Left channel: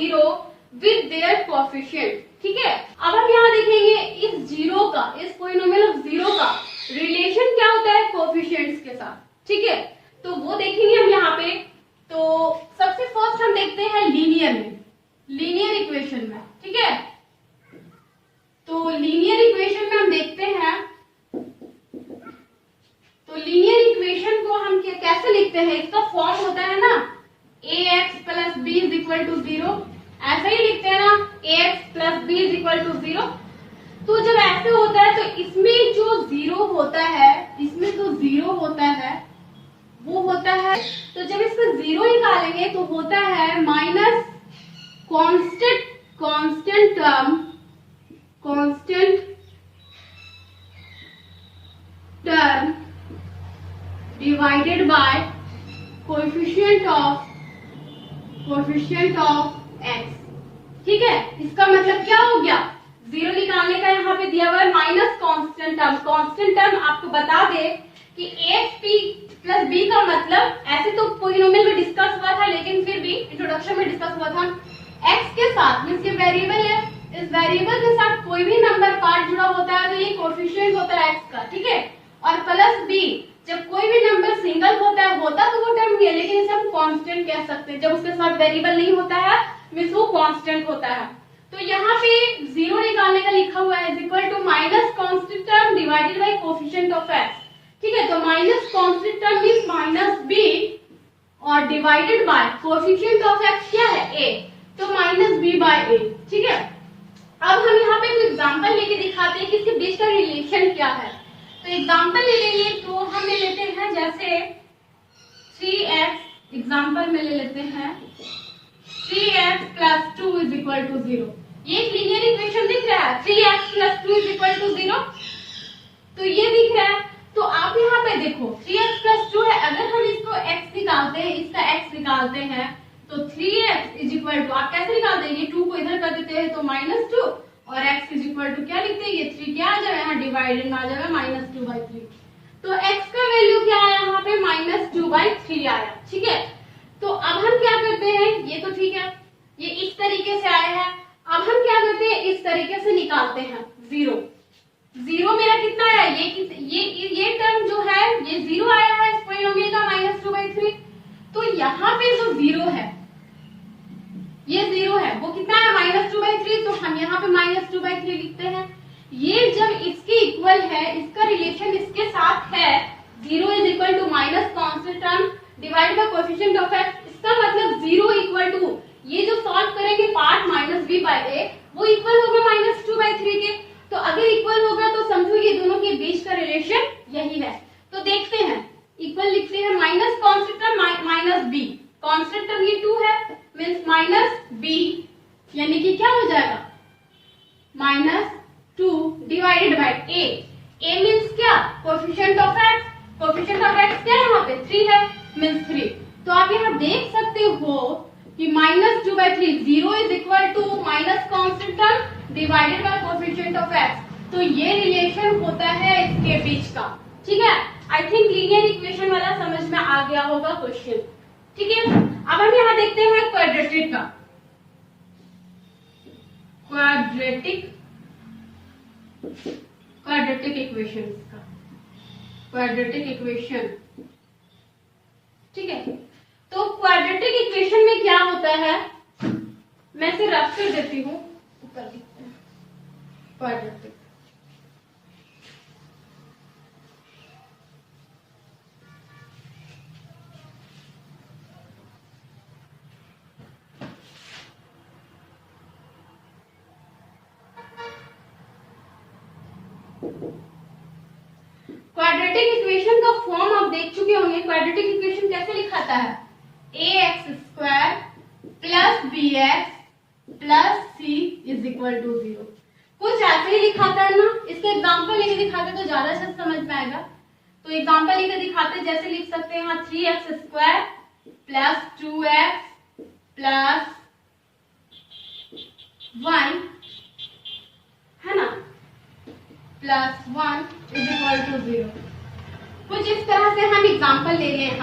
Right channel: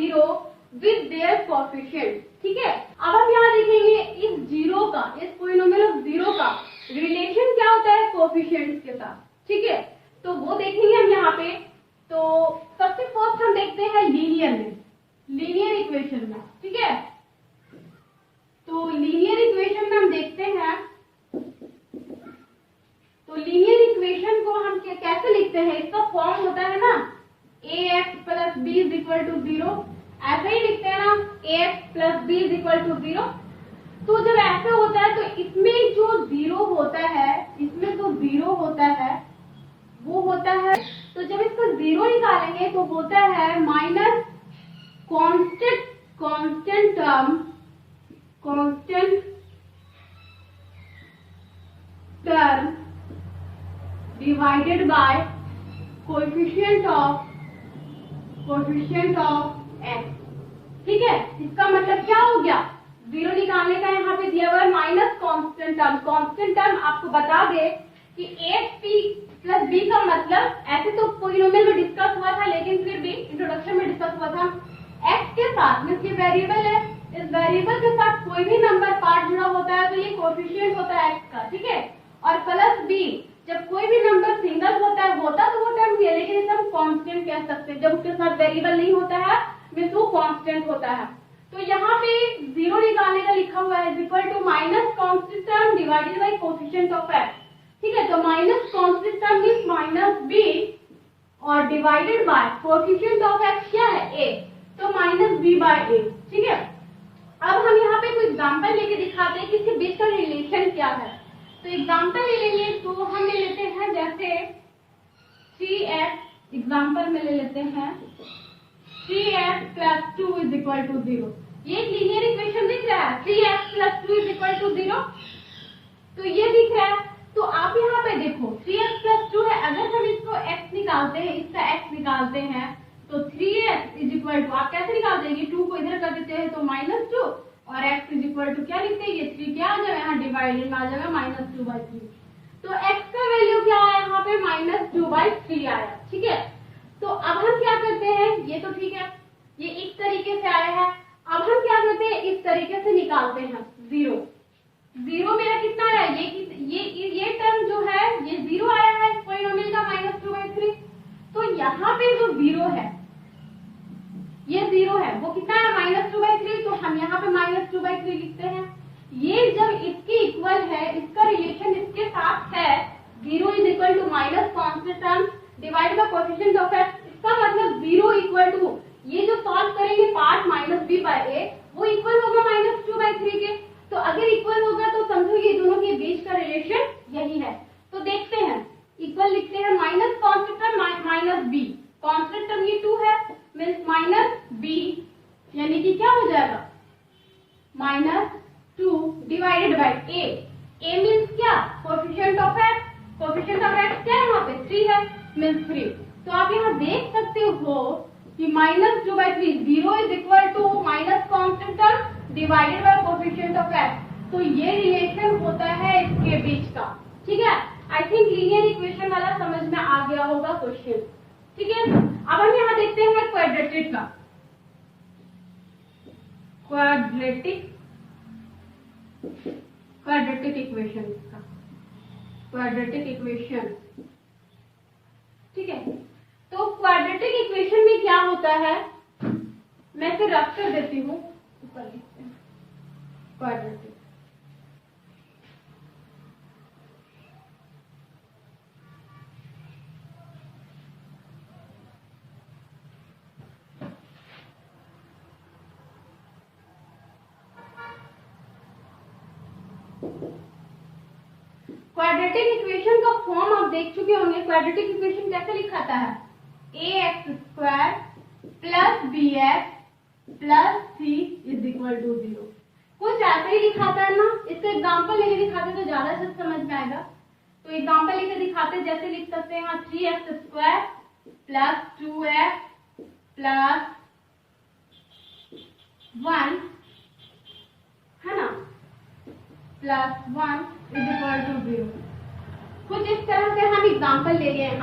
Zero with their coefficient. ठीक है, अब हम यहाँ देखेंगे इस जीरो का, इस पॉलिनोमियल ऑफ जीरो का रिलेशन क्या होता है कोएफिशिएंट्स के साथ। ठीक है, तो वो देखेंगे हम यहाँ पे। तो सबसे फर्स्ट हम देखते हैं लीनियर में, लीनियर इक्वेशन में। ठीक है, तो लीनियर इक्वेशन में हम देखते हैं, तो लीनियर इक्वेशन को हम कैसे लिखते हैं, इसका फॉर्म होता है ना ax plus B is equal to zero, ऐसा ही लिखते हैं ना ax plus B is equal to zero. तो जब ऐसे होता है तो इसमें जो जीरो होता है, इसमें जो जीरो होता है वो होता है, तो जब इसका जीरो निकालेंगे तो होता है minus constant term divided by coefficient of x। ठीक है, इसका मतलब क्या हो गया, जीरो निकालने का यहाँ पे दिया हुआ है minus constant term. Constant term आपको बता दे कि ax प्लस b का मतलब, ऐसे तो पॉलिनोमियल में डिस्कस हुआ था लेकिन फिर भी इंट्रोडक्शन में डिस्कस हुआ था, x के साथ मींस ये वेरिएबल है, इस वेरिएबल के साथ कोई भी नंबर पार्ट जुड़ा होता है तो ये कोएफिशिएंट होता है x का। ठीक है, और प्लस b, जब कोई भी नंबर सिंगल होता है, होता तो वो टर्म ही है लेकिन इसे हम कांस्टेंट कह सकते हैं, जब उसके साथ वेरिएबल नहीं होता है मींस वो कांस्टेंट होता है। तो यहाँ पे जीरो निकालने का लिखा हुआ है is equal to minus constant term divided by coefficient of x। ठीक है, तो minus constant term means minus b और divided by coefficient of x क्या है a, तो माइनस b बाय a। ठीक है, अब हम यहाँ पे एक एग्जांपल लेके दिखाते हैं कि इसके बीच का रिलेशन क्या है। तो एग्जांपल ले लेंगे, तो हम ले लेते हैं जैसे 3x, एग्जांपल में ले लेते हैं 3x plus 2 is equal to 0। ये एक लीनियर इक्वेशन दिख रहा है, 3x plus 2 is equal to 0, तो ये दिख रहा है। तो आप यहाँ पे देखो 3x प्लस 2 है, अगर हम इसको x निकालते हैं, इसका x निकालते हैं तो 3x इज इक्वल टू, आप कैसे निकाल देंगे, 2 को इधर कर देते हैं तो -2 और x इज इक्वल टू क्या लिखते हैं, ये 3 क्या आ जाएगा यहाँ डिवाइडेड में आ जाएगा -2/3। तो x का वैल्यू क्या आया यहाँ पे -2/3 आया। ठीक है, तो अब हम क्या करते हैं, ये तो ठीक है, ये इस तरीके से आया है, अब हम क्या करते हैं इस तरीके से निकालते हैं जीरो। जीरो मेरा कितना आया, ये टर्म जो है ये जीरो आया है इस पॉलिनोमियल का -2/3। तो यहाँ पे जो जीरो है, ये जीरो है, वो कितना है -2/3, तो हम यहाँ पे -2/3 लिखते हैं। ये जब इसके इक्वल है, इसका रिलेशन इसके साथ है, zero is equal to minus constant term divide by coefficient of x, इसका मतलब जीरो इक्वल टू, ये जो सॉल्व करेंगे पार्ट -b/a वो इक्वल होगा -2/3 के। तो अगर इक्वल होगा तो समझो ये दोनों के बीच का रिलेशन यही है। तो देखते हैं, इक्वल लिखते हैं minus constant term minus b, constant term ये 2 है मींस माइनस b, यानी कि क्या हो जाएगा -2 डिवाइडेड बाय a मींस क्या, coefficient of x, coefficient of x क्या है यहाँ पे 3 है मींस 3। तो आप यहाँ देख सकते हो कि -2/3, 0 is equal to minus constant term divided by coefficient of x। तो ये रिलेशन होता है इसके बीच का। ठीक है, आई थिंक लीनियर इक्वेशन वाला समझ में आ गया होगा क्वेश्चन। ठीक है, अब हम यहाँ देखते हैं क्वाड्रेटिक का, क्वाड्रेटिक इक्वेशन का, क्वाड्रेटिक इक्वेशन। ठीक है, तो क्वाड्रेटिक इक्वेशन में क्या होता है, मैं इसे रफ कर देती हूँ, ऊपर लिखते हैं क्वाड्रेटिक। क्वाड्रेटिक इक्वेशन का फॉर्म आप देख चुके होंगे। क्वाड्रेटिक इक्वेशन कैसे लिखाता है, ax² plus bx plus c is equal to 0। कुछ ऐसे ही लिखाता है ना, इसका एग्जांपल लेके दिखाते तो ज्यादा अच्छा समझ में आएगा। तो एग्जांपल लेके दिखाते, जैसे लिख सकते हैं 3x² प्लस 2x प्लस 1 है ना, प्लस 1 इज इक्वल टू 0। कुछ इस तरह से हम एग्जांपल ले रहे हैं।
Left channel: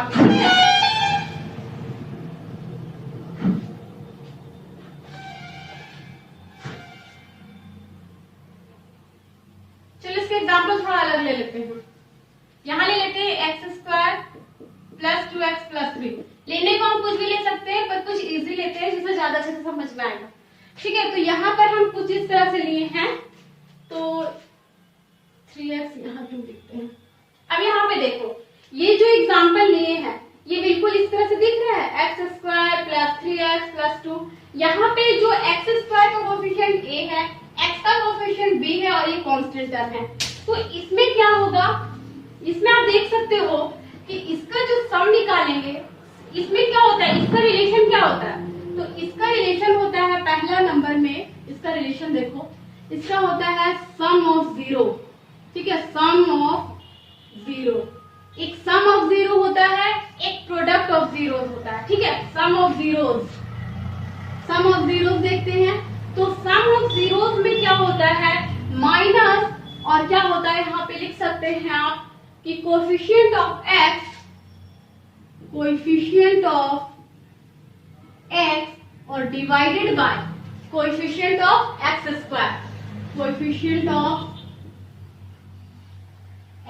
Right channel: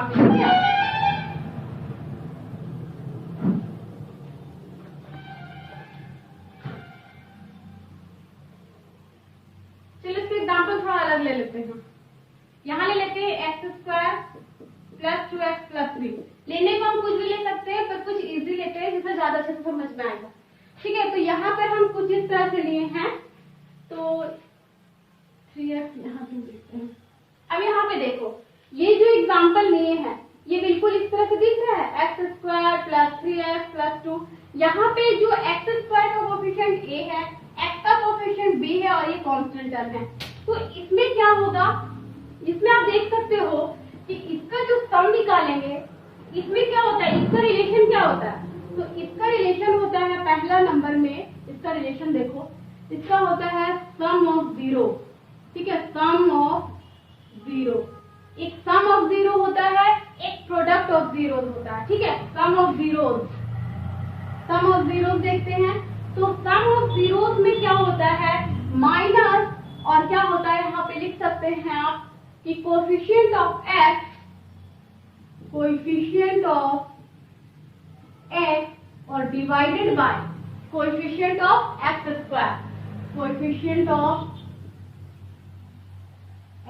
में आएगा। ठीक है, तो यहाँ पर हम कुछ इस तरह से लिए हैं, तो 3x यहाँ क्यों लिखते हैं। अब यहाँ पे देखो, ये जो एग्जाम्पल लिए हैं ये बिल्कुल इस तरह से दिख रहा है, x square plus 3x plus 2। यहाँ पे जो एक्स स्क्वायर का कोफिशिएंट a है, x का कोफिशिएंट b है और ये कांस्टेंट टर्म है। तो इसमें क्या होगा, इसमें आप देख सकते हो कि इसका जो सम निकालेंगे, इसमें क्या होता है, इसका रिलेशन क्या होता है। तो इसका रिलेशन होता है, पहला नंबर में इसका रिलेशन देखो, इसका होता है सम ऑफ जीरो। ठीक है, सम ऑफ जीरो, एक सम ऑफ जीरो होता है, एक प्रोडक्ट ऑफ जीरो होता है। ठीक है, sum of zeros, sum of zeros देखते हैं। तो सम ऑफ जीरोज में क्या होता है, माइनस, और क्या होता है यहाँ पे लिख सकते हैं आप कि coefficient of x, coefficient of x और divided by coefficient of x square, coefficient of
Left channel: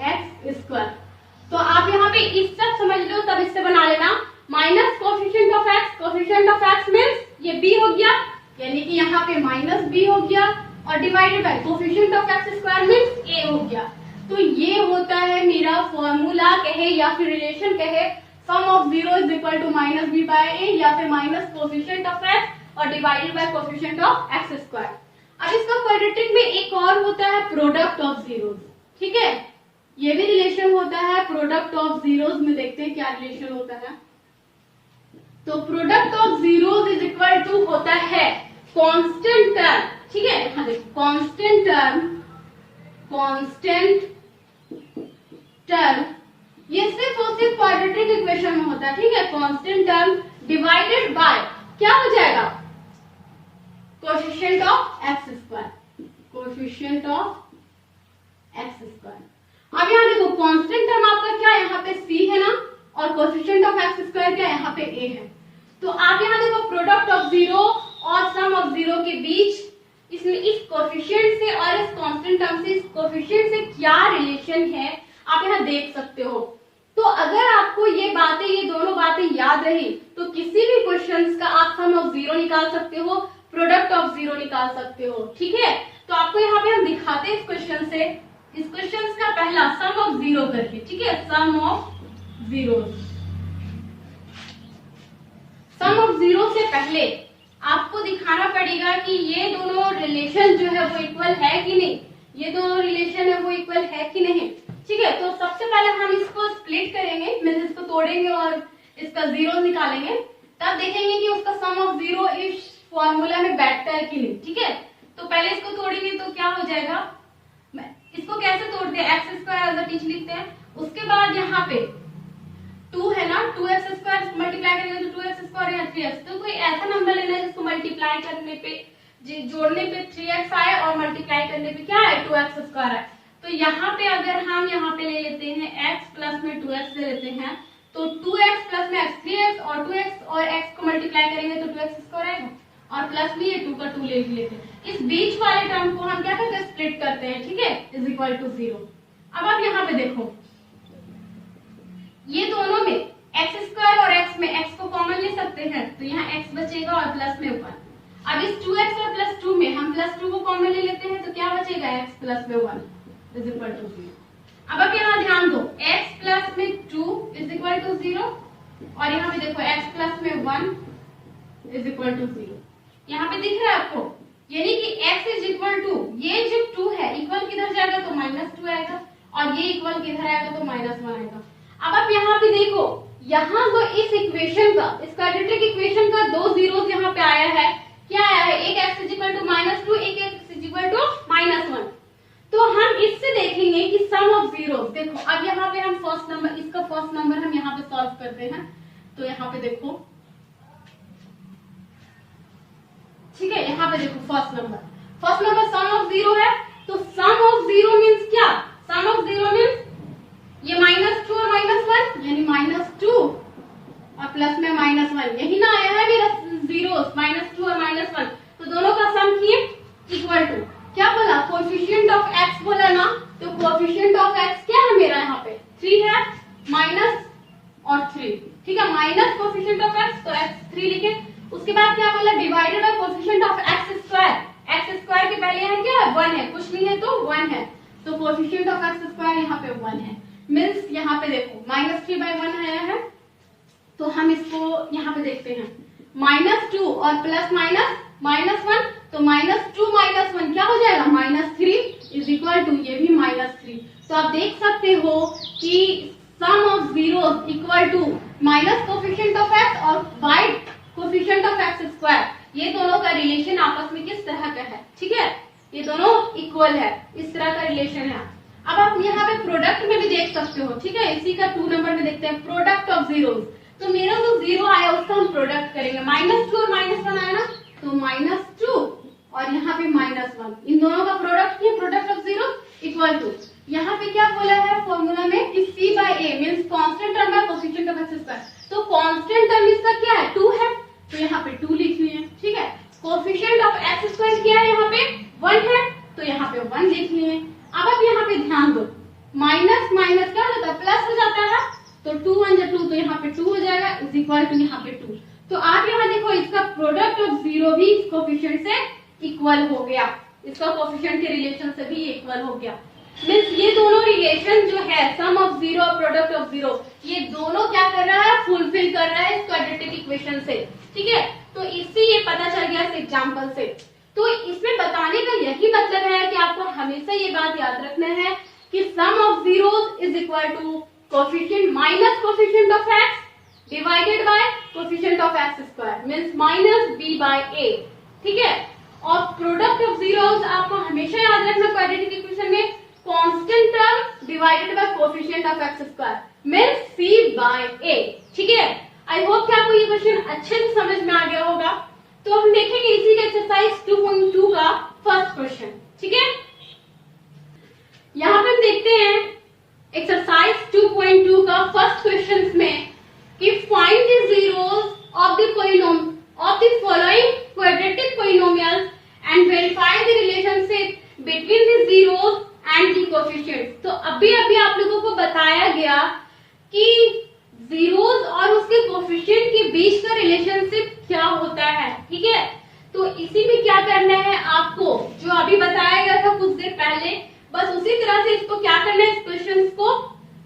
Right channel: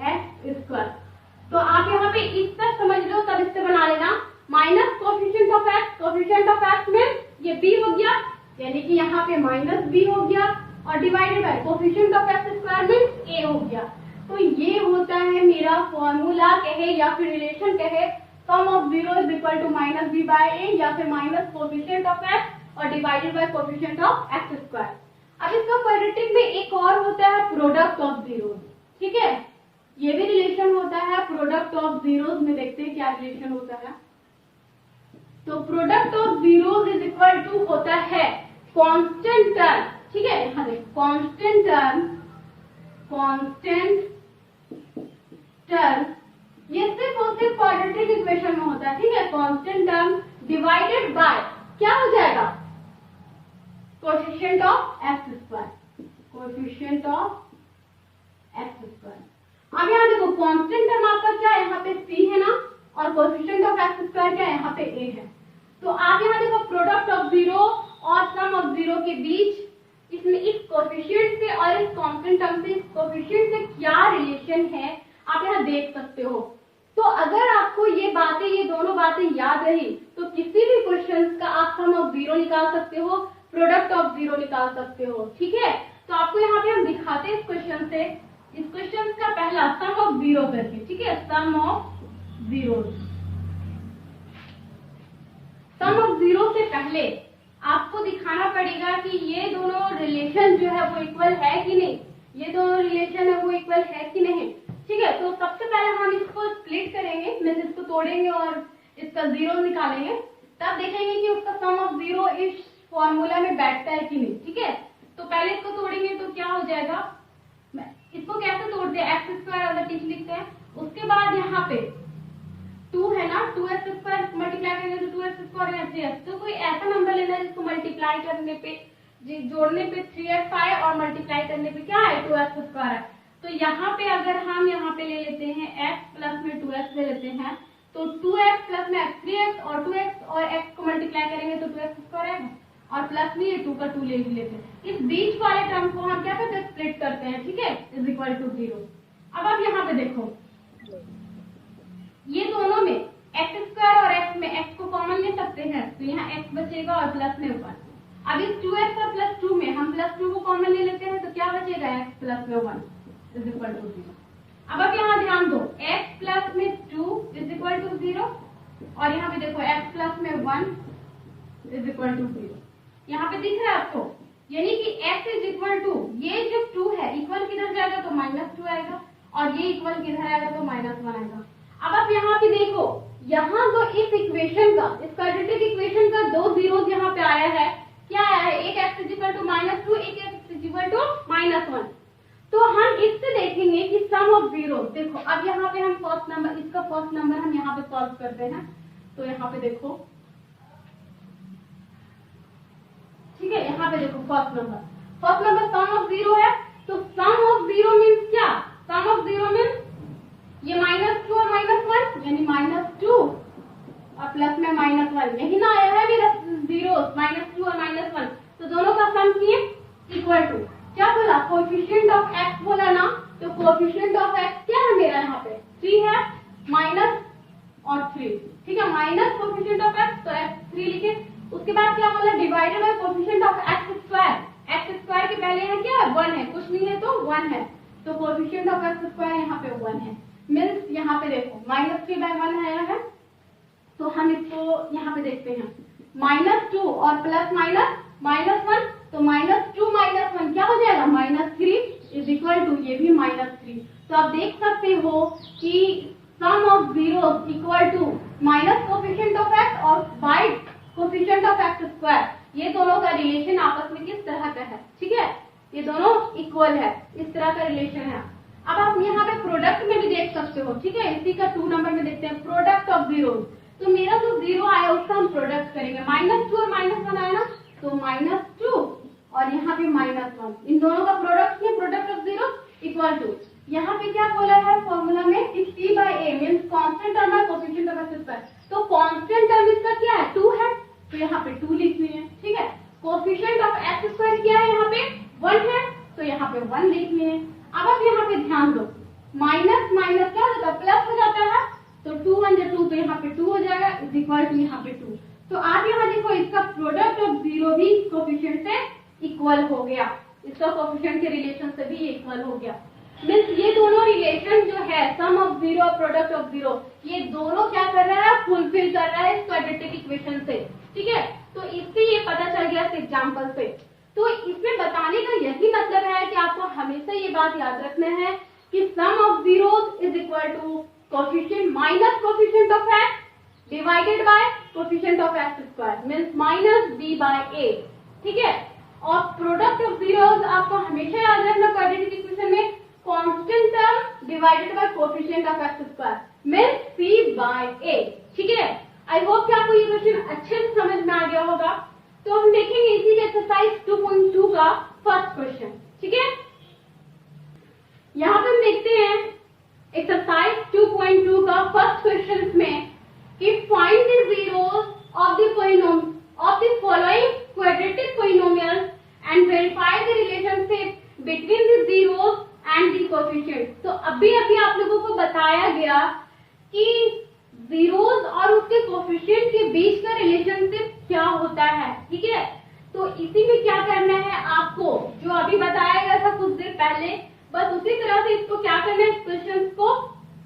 x square. तो आप यहाँ पे इस तक समझ लो, तब इससे बना लेना, minus coefficient of x, coefficient of x means ये b हो गया, यानी कि यहाँ पे माइनस b हो गया, और divided by coefficient of x square means a हो गया। तो ये होता है मेरा फॉर्मूला कहे या फिर रिलेशन कहे, sum of zero is equal to minus b by a, या फिर माइनस कोएफिशिएंट ऑफ x और divided by coefficient of x square. अब इसका क्वाड्रेटिक में एक और होता है प्रोडक्ट ऑफ जीरोज। ठीक है, ये भी रिलेशन होता है प्रोडक्ट ऑफ जीरोज में। देखते हैं क्या रिलेशन होता है। तो product of zeros is equal to होता है कांस्टेंट टर्म। ठीक है, यहाँ देखो कांस्टेंट टर्म, कांस्टेंट टर्म ये सिर्फ और सिर्फ क्वाड्रेटिक इक्वेशन में होता है। ठीक है, कांस्टेंट टर्म डिवाइडेड बाय क्या हो जाएगा, coefficient of x square, coefficient of x square. अब यहाँ देखो कांस्टेंट टर्म आपका क्या है, यहाँ पे c है ना, और कोएफिशिएंट ऑफ एक्स स्क्वायर क्या है, यहाँ पे a है। तो आप यहाँ देखो प्रोडक्ट ऑफ जीरो और सम ऑफ जीरो के बीच इसमें इस कोएफिशिएंट से और इस कांस्टेंट टर्म से, इस कोएफिशिएंट से क्या रिलेशन है आप यहाँ देख सकते हो। तो अगर आपको ये बातें, ये दोनों बातें याद रही तो किसी भी क्वेश्चन का आप सम ऑफ जीरो निकाल सकते हो, प्रोडक्ट ऑफ जीरो निकाल सकते हो। ठीक है, तो आपको यहाँ पे हम दिखाते हैं इस क्वेश्चन से, इस क्वेश्चन का पहला सम ऑफ जीरो करके। ठीक है, sum of zero, sum of zero से पहले आपको दिखाना पड़ेगा कि ये दोनों रिलेशन जो है वो इक्वल है कि नहीं, ये दोनों रिलेशन है वो इक्वल है कि नहीं। ठीक है, तो सबसे पहले हम इसको स्प्लिट करेंगे, मींस इसको तोड़ेंगे और इसका जीरो निकालेंगे, तब देखेंगे कि उसका सम ऑफ जीरो इस फॉर्मूला में बैठता है कि नहीं। ठीक है, तो पहले इसको तोड़ेंगे तो क्या हो जाएगा, इसको कैसे तोड़ते हैं, एक्स स्क्वायर एज टीच लिखते हैं, उसके बाद यहाँ पे 2 है ना, 2x स्क्वायर मल्टीप्लाई करेंगे तो 2x स्क्वायर या 3x। तो कोई ऐसा नंबर लेना है जिसको मल्टीप्लाई करने पे, जोड़ने पे 3x आए और मल्टीप्लाई करने पे क्या है, 2x स्क्वायर आए। तो यहाँ पे अगर हम यहाँ पे ले लेते हैं x प्लस में 2x ले लेते हैं, तो 2x प्लस में x 3x और 2x और x को मल्टीप्लाई करेंगे तो 2x स्क्वायर आएगा, और प्लस में ये 2 का 2 ले लेते हैं। इस बीच वाले टर्म को हम क्या करते हैं, स्प्लिट करते हैं। ठीक है, इज इक्वल टू 0। अब आप यहाँ पे देखो, ये दोनों में x स्क्वायर और x में x को कॉमन ले सकते हैं, तो यहाँ x बचेगा और प्लस में 1। अब इस 2x और प्लस 2 में हम प्लस 2 को कॉमन ले लेते हैं, तो क्या बचेगा, x प्लस में 1 इज इक्वल टू 0। अब आप यहाँ ध्यान दो, x प्लस में 2 इज इक्वल टू 0, और यहाँ पे देखो x प्लस में 1 इज इक्वल टू 0। यहाँ पे दिख रहा है आपको, यानी कि x इज इक्वल टू, ये जो 2 है इक्वल किधर जाएगा तो -2 आएगा, और ये इक्वल किधर आएगा तो -1 आएगा। अब आप यहाँ पे देखो, यहाँ तो इस इक्वेशन का, इस क्वाड्रेटिक इक्वेशन का 2 जीरोस यहाँ पे आया है, क्या आया है, एक x इज इक्वल टू -2, एक x इज इक्वल टू -1। तो हम इससे देखेंगे कि सम ऑफ जीरो, देखो अब यहाँ पे हम फर्स्ट नंबर, इसका फर्स्ट नंबर हम यहाँ पे सॉल्व करते हैं। तो यहाँ पे देखो, ठीक है, यहाँ पे देखो first number sum of zero है, तो सम ऑफ जीरो मीन्स क्या, सम ऑफ जीरो मीन्स ये -2 और -1, यानी -2 और प्लस में -1, यही ना आया है मेरा जीरोस, -2 और -1, तो दोनों का सम किए इक्वल टू, क्या बोला, कोएफिशिएंट ऑफ x बोला ना, तो कोएफिशिएंट ऑफ x क्या है मेरा, यहाँ पे 3 है, माइनस और 3। ठीक है, माइनस कोएफिशिएंट ऑफ x, तो x 3 लिखे, उसके बाद क्या बोला, divided by coefficient of x square. X square के पहले यहाँ क्या है, 1 है, कुछ नहीं है तो 1 है, तो कोएफिशिएंट ऑफ एक्स स्क्वायर यहाँ पे 1 है। मींस यहाँ पे देखो -3/1 आया है, तो हम इसको यहाँ पे देखते हैं -2 और प्लस -1, तो -2 -1 क्या हो जाएगा, -3 इज इक्वल टू ये भी -3। तो आप देख सकते हो कि sum of zeros equal to minus coefficient of X और by coefficient of x square, ये दोनों का रिलेशन आपस में किस तरह का है, ठीक है, ये दोनों इक्वल है, इस तरह का रिलेशन है। अब आप यहाँ पे प्रोडक्ट में भी देख सकते हो, ठीक है, इसी का 2 नंबर में देखते हैं प्रोडक्ट ऑफ जीरोस। तो मेरा जो 0 आया उसका हम प्रोडक्ट करेंगे, -2 और -1 आया ना, तो -2 और यहाँ पे -1, इन दोनों का प्रोडक्ट है, product of zero equal to, यहाँ पे क्या बोला है फॉर्मूला में कि C/A means constant term by coefficient of x square. तो कांस्टेंट टर्म इसका क्या है, 2 है, तो यहाँ पे 2 लिख लिए, ठीक है। कोएफिशिएंट ऑफ एक्स स्क्वायर क्या है, यहाँ पे 1 है, तो यहाँ पे 1 लिख लिए। अब आप यहाँ पे ध्यान दो, माइनस माइनस क्या होता है, प्लस हो जाता है, तो 2 1 जा 2, तो यहाँ पे 2 हो जाएगा इज इक्वल टू यहाँ पे 2। तो आप यहाँ देखो इसका प्रोडक्ट ऑफ जीरो भी इस कोएफिशिएंट से इक्वल हो गया, इसका कोएफिशिएंट के रिलेशन से भी इक्वल हो गया। मींस ये दोनों रिलेशन जो है सम ऑफ जीरो और प्रोडक्ट ऑफ जीरो, ये दोनों क्या कर रहा है, फुलफिल कर रहा है इस क्वाड्रेटिक इक्वेशन से, ठीक है। तो इससे ये पता चल गया इस एग्जांपल से। तो इसमें बताने का यही मतलब है कि आपको हमेशा ये बात याद रखना है कि sum of zeros is equal to coefficient minus coefficient of X divided by coefficient of x square means -b/a, ठीक है। और प्रोडक्ट ऑफ जीरोस आपको हमेशा याद रखना क्वाड्रेटिक इक्वेशन में constant term divided by coefficient of x square means c/a, ठीक है। आई होप कि आपको ये क्वेश्चन अच्छे से समझ में आ गया होगा। तो हम देखेंगे इसी के एक्सरसाइज 2.2 का फर्स्ट क्वेश्चन, ठीक है। यहाँ पे हम देखते हैं एक्सरसाइज 2.2 का फर्स्ट क्वेश्चन में कि find the zeros of the following quadratic polynomials and verify the relationship between the zeros and the coefficient. तो अभी आप लोगों को बताया गया कि जीरोस और उसके कोएफिशिएंट के बीच का रिलेशनशिप क्या होता है, ठीक है। तो इसी में क्या करना है आपको, जो अभी बताया गया था कुछ देर पहले, बस उसी तरह से इसको क्या करना है, इस क्वेश्चन को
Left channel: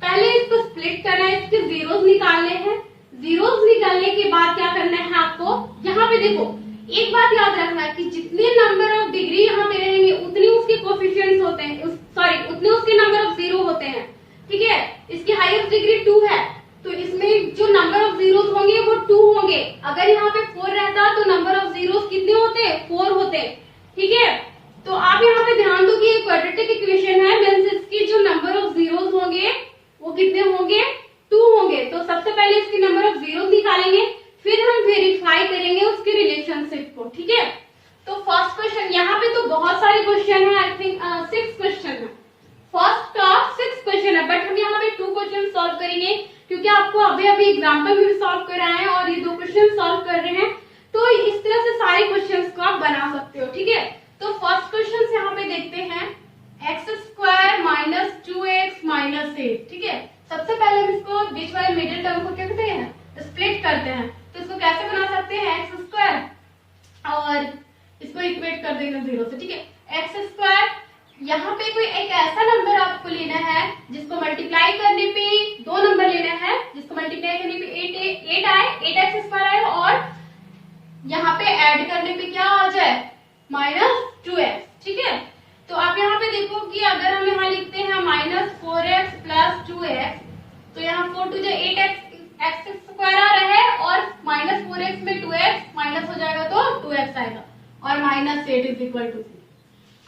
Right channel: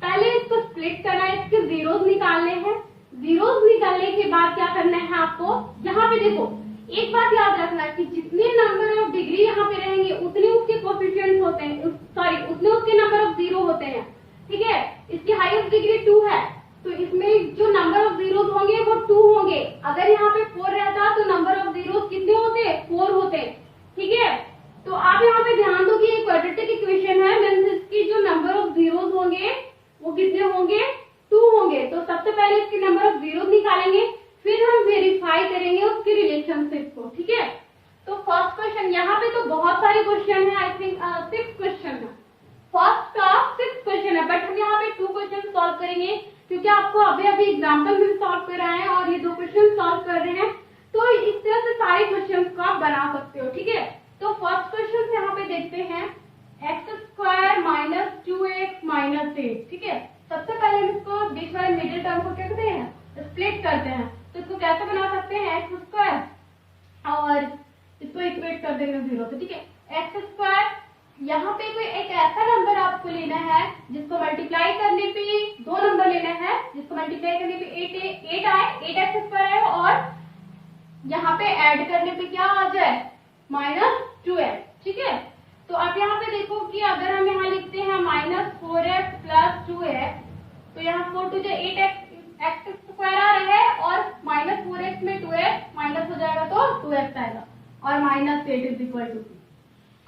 पहले इसको स्प्लिट करना है, इसके जीरोस निकालने हैं। जीरोस निकालने के बाद क्या करना है आपको, यहाँ पे देखो एक बात याद रखना है कि जितने नंबर ऑफ डिग्री यहाँ पे रहेंगे उतने उसके कोएफिशिएंट्स होते हैं, सॉरी उतने उसके नंबर ऑफ जीरो होते हैं, ठीक है। इसकी हाईएस्ट डिग्री 2 है, तो इसमें जो नंबर ऑफ जीरोस होंगे वो 2 होंगे। अगर यहाँ पे 4 रहता तो नंबर ऑफ जीरोस कितने होते, 4 होते, ठीक है। तो आप यहाँ पे ध्यान दो कि ये क्वाड्रेटिक इक्वेशन है, मींस इसकी जो नंबर ऑफ जीरोस होंगे वो कितने होंगे, 2 होंगे। तो सबसे पहले इसकी नंबर ऑफ जीरोस निकालेंगे, फिर हम वेरीफाई करेंगे उसके रिलेशनशिप को, ठीक है। तो फर्स्ट क्वेश्चन, यहाँ पे तो बहुत सारे क्वेश्चन है, आई थिंक 6 क्वेश्चन है, फर्स्ट का 6 क्वेश्चन है, बट हम यहाँ पे 2 क्वेश्चन सॉल्व करेंगे क्योंकि आपको अभी एग्जाम्पल में भी सॉल्व कराए हैं और ये 2 क्वेश्चन सॉल्व कर रहे हैं। तो इस तरह से सारे क्वेश्चंस को आप बना सकते हो, ठीक है। तो फर्स्ट क्वेश्चन यहाँ पे देखते हैं x² - 2x - 8, ठीक है। सबसे पहले हम इसको बीच वाले मिडिल टर्म को क्या कहते हैं, स्प्लिट करते हैं। तो इसको कैसे बना सकते हैं, x² और इसको इक्वेट कर देंगे 0 से, ठीक है। x², यहाँ पे कोई एक ऐसा नंबर आपको लेना है जिसको मल्टीप्लाई करने पे 2 नंबर लेना है, जिसको मल्टीप्लाई करने पे 8 आए, 8x² आए, और यहाँ पे ऐड करने पे क्या आ जाए, -2x, ठीक है। तो आप यहाँ पे देखो कि अगर हम यहाँ लिखते हैं -4x + 2x, तो यहाँ 4 2 8x² आ रहा है, और -4x में 2x माइनस हो जाएगा तो 2x आएगा, और -8 = 2।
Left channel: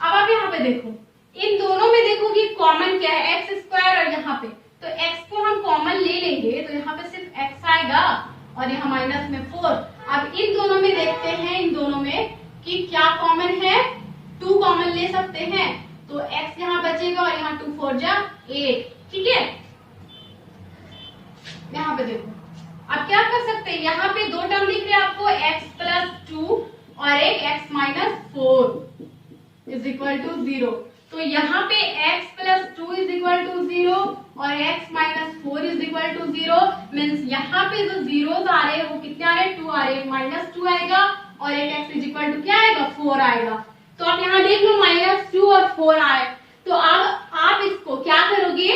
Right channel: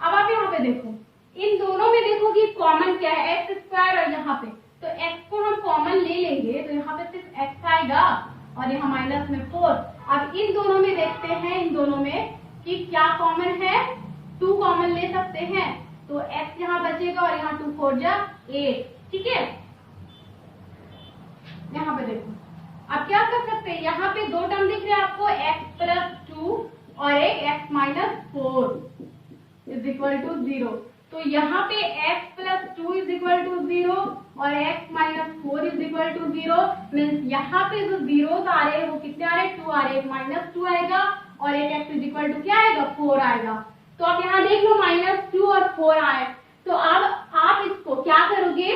अब आप यहाँ पे देखो, इन दोनों में देखो कि कॉमन क्या है, x² और यहाँ पे, तो x को हम कॉमन ले लेंगे तो यहाँ पे सिर्फ x आएगा और यहाँ माइनस में 4। अब इन दोनों में देखते हैं, इन दोनों में कि क्या कॉमन है, 2 कॉमन ले सकते हैं, तो x यहाँ बचेगा और यहाँ 2 4 जा 8, ठीक है। यहाँ पे देखो अब क्या कर सकते हैं, यहाँ पे 2 टर्म लिख रहे हैं आपको, x + 2 और एक x - 4 = 0। तो यहाँ पे x + 2 = 0 और x - 4 = 0, मींस यहाँ पे जो जीरोस आ रहे हैं वो कितने आ रहे हैं, 2 आ रहे हैं, -2 आएगा और एक x इज इक्वल टू क्या आएगा 4 आएगा। तो आप यहाँ देख लो -2 और 4 आए। तो अब आप इसको क्या करोगे,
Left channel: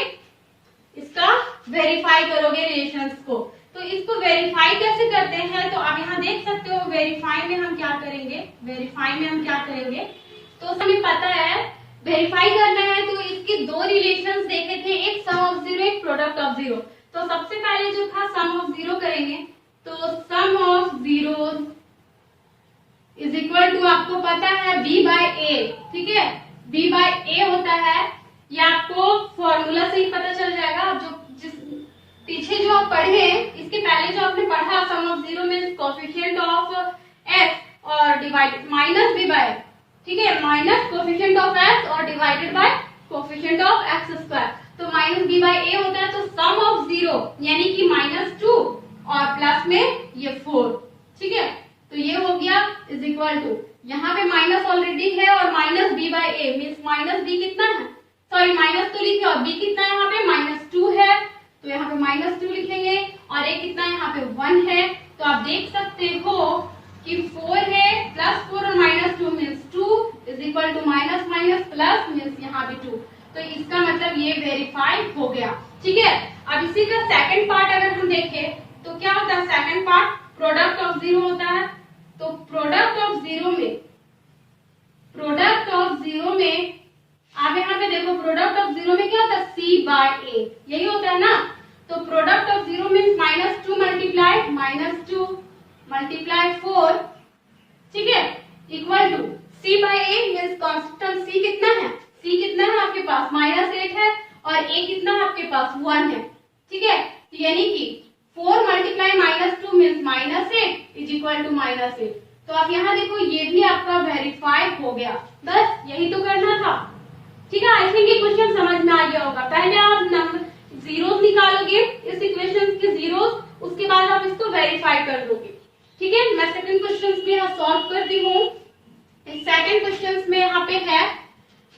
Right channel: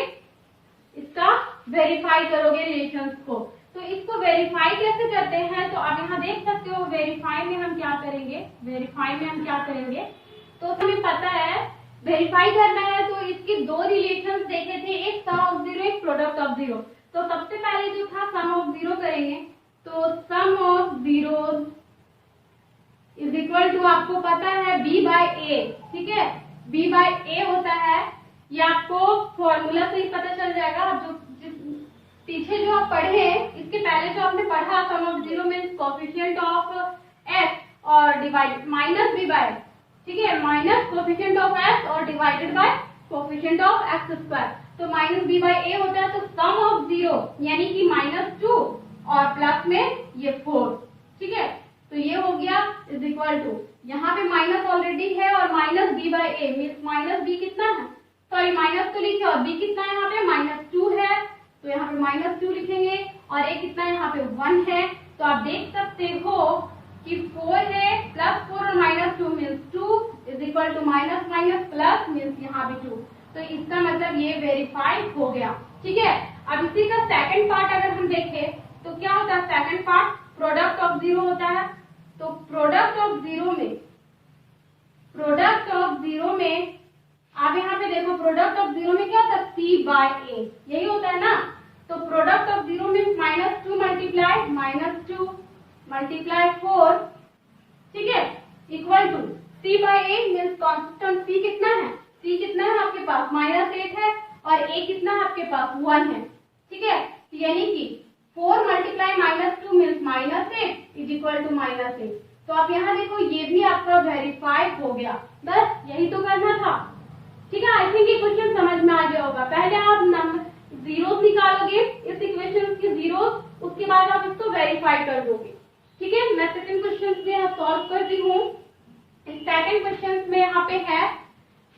इसका वेरीफाई करोगे रिलेशंस को। तो इसको वेरीफाई कैसे करते हैं, तो आप यहाँ देख सकते हो वेरीफाई में हम क्या करेंगे, तो हमें पता है वेरीफाई करना है। तो इसके दो रिलेशंस देखे थे, एक सम ऑफ जीरो, एक प्रोडक्ट ऑफ जीरो। तो सबसे पहले जो था सम ऑफ जीरो करेंगे, तो sum of zero is equal to आपको पता है b बाय a, ठीक है, b बाय a होता है, ये आपको फॉर्मूला से ही पता चल जाएगा। जो जिस पीछे जो आप पढ़े इसके पहले जो आपने पढ़ा sum of zero means coefficient of x और डिवाइड माइनस b बाय, ठीक है, माइनस कोएफिशिएंट ऑफ x और divided by coefficient of x square. तो माइनस b बाय a होता है। तो सम ऑफ जीरो यानी कि -2 और प्लस में ये 4, ठीक है। तो ये हो गया इज इक्वल टू, यहाँ पे माइनस ऑलरेडी है और minus b by a means minus b कितना है, सॉरी माइनस तो लिखे और b कितना है यहाँ पे -2 है, तो यहाँ पे -2 लिखेंगे और a कितना है यहाँ पे 1 है। तो आप देख सकते हो कि 4 है प्लस 4 और -2 means 2 is equal to minus minus plus means यहाँ पे 2। तो इसका मतलब ये वेरीफाई हो गया, ठीक है। अब इसी का सेकंड पार्ट अगर हम देखें तो क्या होता है, second part product of zero होता है। तो प्रोडक्ट ऑफ जीरो में आप यहाँ पे देखो प्रोडक्ट ऑफ जीरो में क्या होता है c बाय a, यही होता है ना। तो product of zero means -2 multiply -2 multiply 4, ठीक है, equal to c by a means constant c कितना है आपके पास -8 है और a कितना है आपके पास 1 है, ठीक है। तो यानी कि 4 multiply -2 means -8 is equal to -8। तो आप यहाँ देखो ये भी आपका वेरीफाई हो गया, बस यही तो करना था, ठीक है। आई थिंक ये क्वेश्चन समझ में आ गया होगा। पहले आप नंबर जीरोस निकालोगे इस इक्वेशन के जीरोस, उसके बाद आप इसको वेरीफाई कर दोगे, ठीक है। मैं सेकंड क्वेश्चन में यहाँ सॉल्व करती हूँ। इस सेकंड क्वेश्चन में यहाँ पे है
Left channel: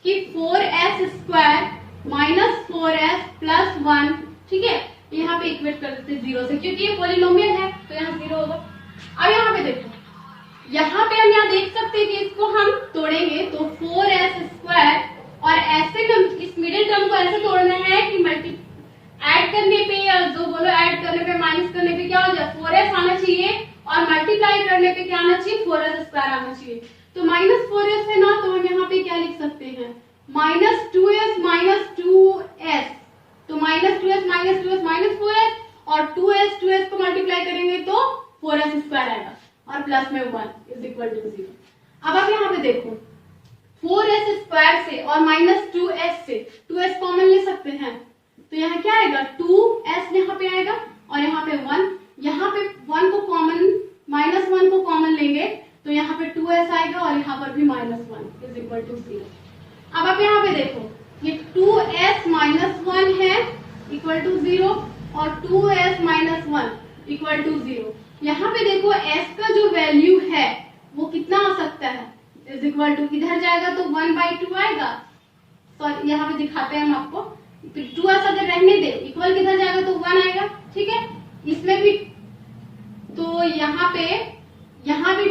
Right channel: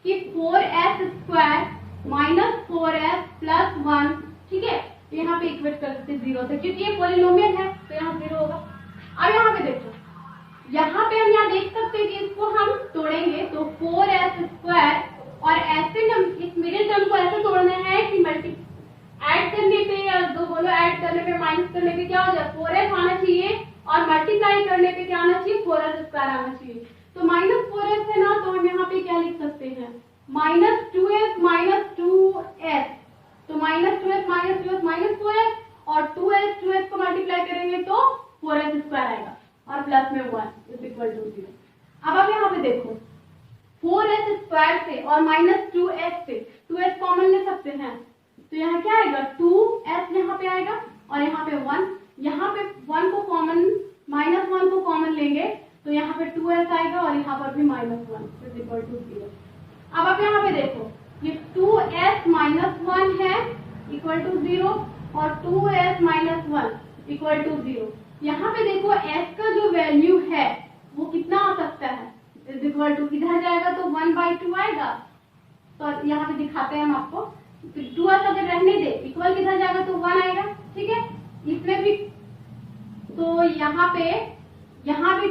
कि 4s स्क्वायर -4s प्लस 1, ठीक है, यहाँ पे इक्वेट कर देते जीरो से क्योंकि ये पॉलिनोमियल है तो यहाँ जीरो होगा। अब यहाँ पे देखो, यहाँ पे हम यहाँ देख सकते हैं कि इसको हम तोड़ेंगे तो 4s स्क्वायर और ऐसे इस मिडिल टर्म को ऐसे तोड़ना है कि मल्टी ऐड करने पे या जो बोलो ऐड करने पे माइनस करने पे क्या हो जाए 4s आना चाहिए और मल्टीप्लाई करने पे क्या आना चाहिए 4s स्क्वायर आना चाहिए। तो -4s है ना, तो हम यहाँ पे क्या लिख सकते हैं -2s -2s, तो -2s -4s और 2s को मल्टीप्लाई करेंगे तो 4s स्क्वायर आएगा और प्लस में 1 इज इक्वल टू 0। अब आप यहाँ पे देखो 4s स्क्वायर से और -2s से 2s कॉमन ले सकते हैं, तो यहाँ क्या आएगा 2s यहाँ पे आएगा और यहाँ पे 1, यहाँ पे 1 को कॉमन -1 को कॉमन लेंगे तो यहाँ पे 2s आएगा और यहाँ पर भी -1 इज इक्वल टू 0। अब आप यहाँ पे देखो ये 2s -1 है इक्वल टू 0 और 2s -1 इक्वल टू 0। यहाँ पे देखो s का जो वैल्यू है वो कितना आ सकता है, इज इक्वल टू इधर जाएगा तो 1/2 आएगा, तो यहाँ पे दिखाते हैं हम आपको। 2s अगर रहने दे इक्वल किधर जाएगा तो 1 आएगा, ठीक है। इसमें भी तो यहाँ पे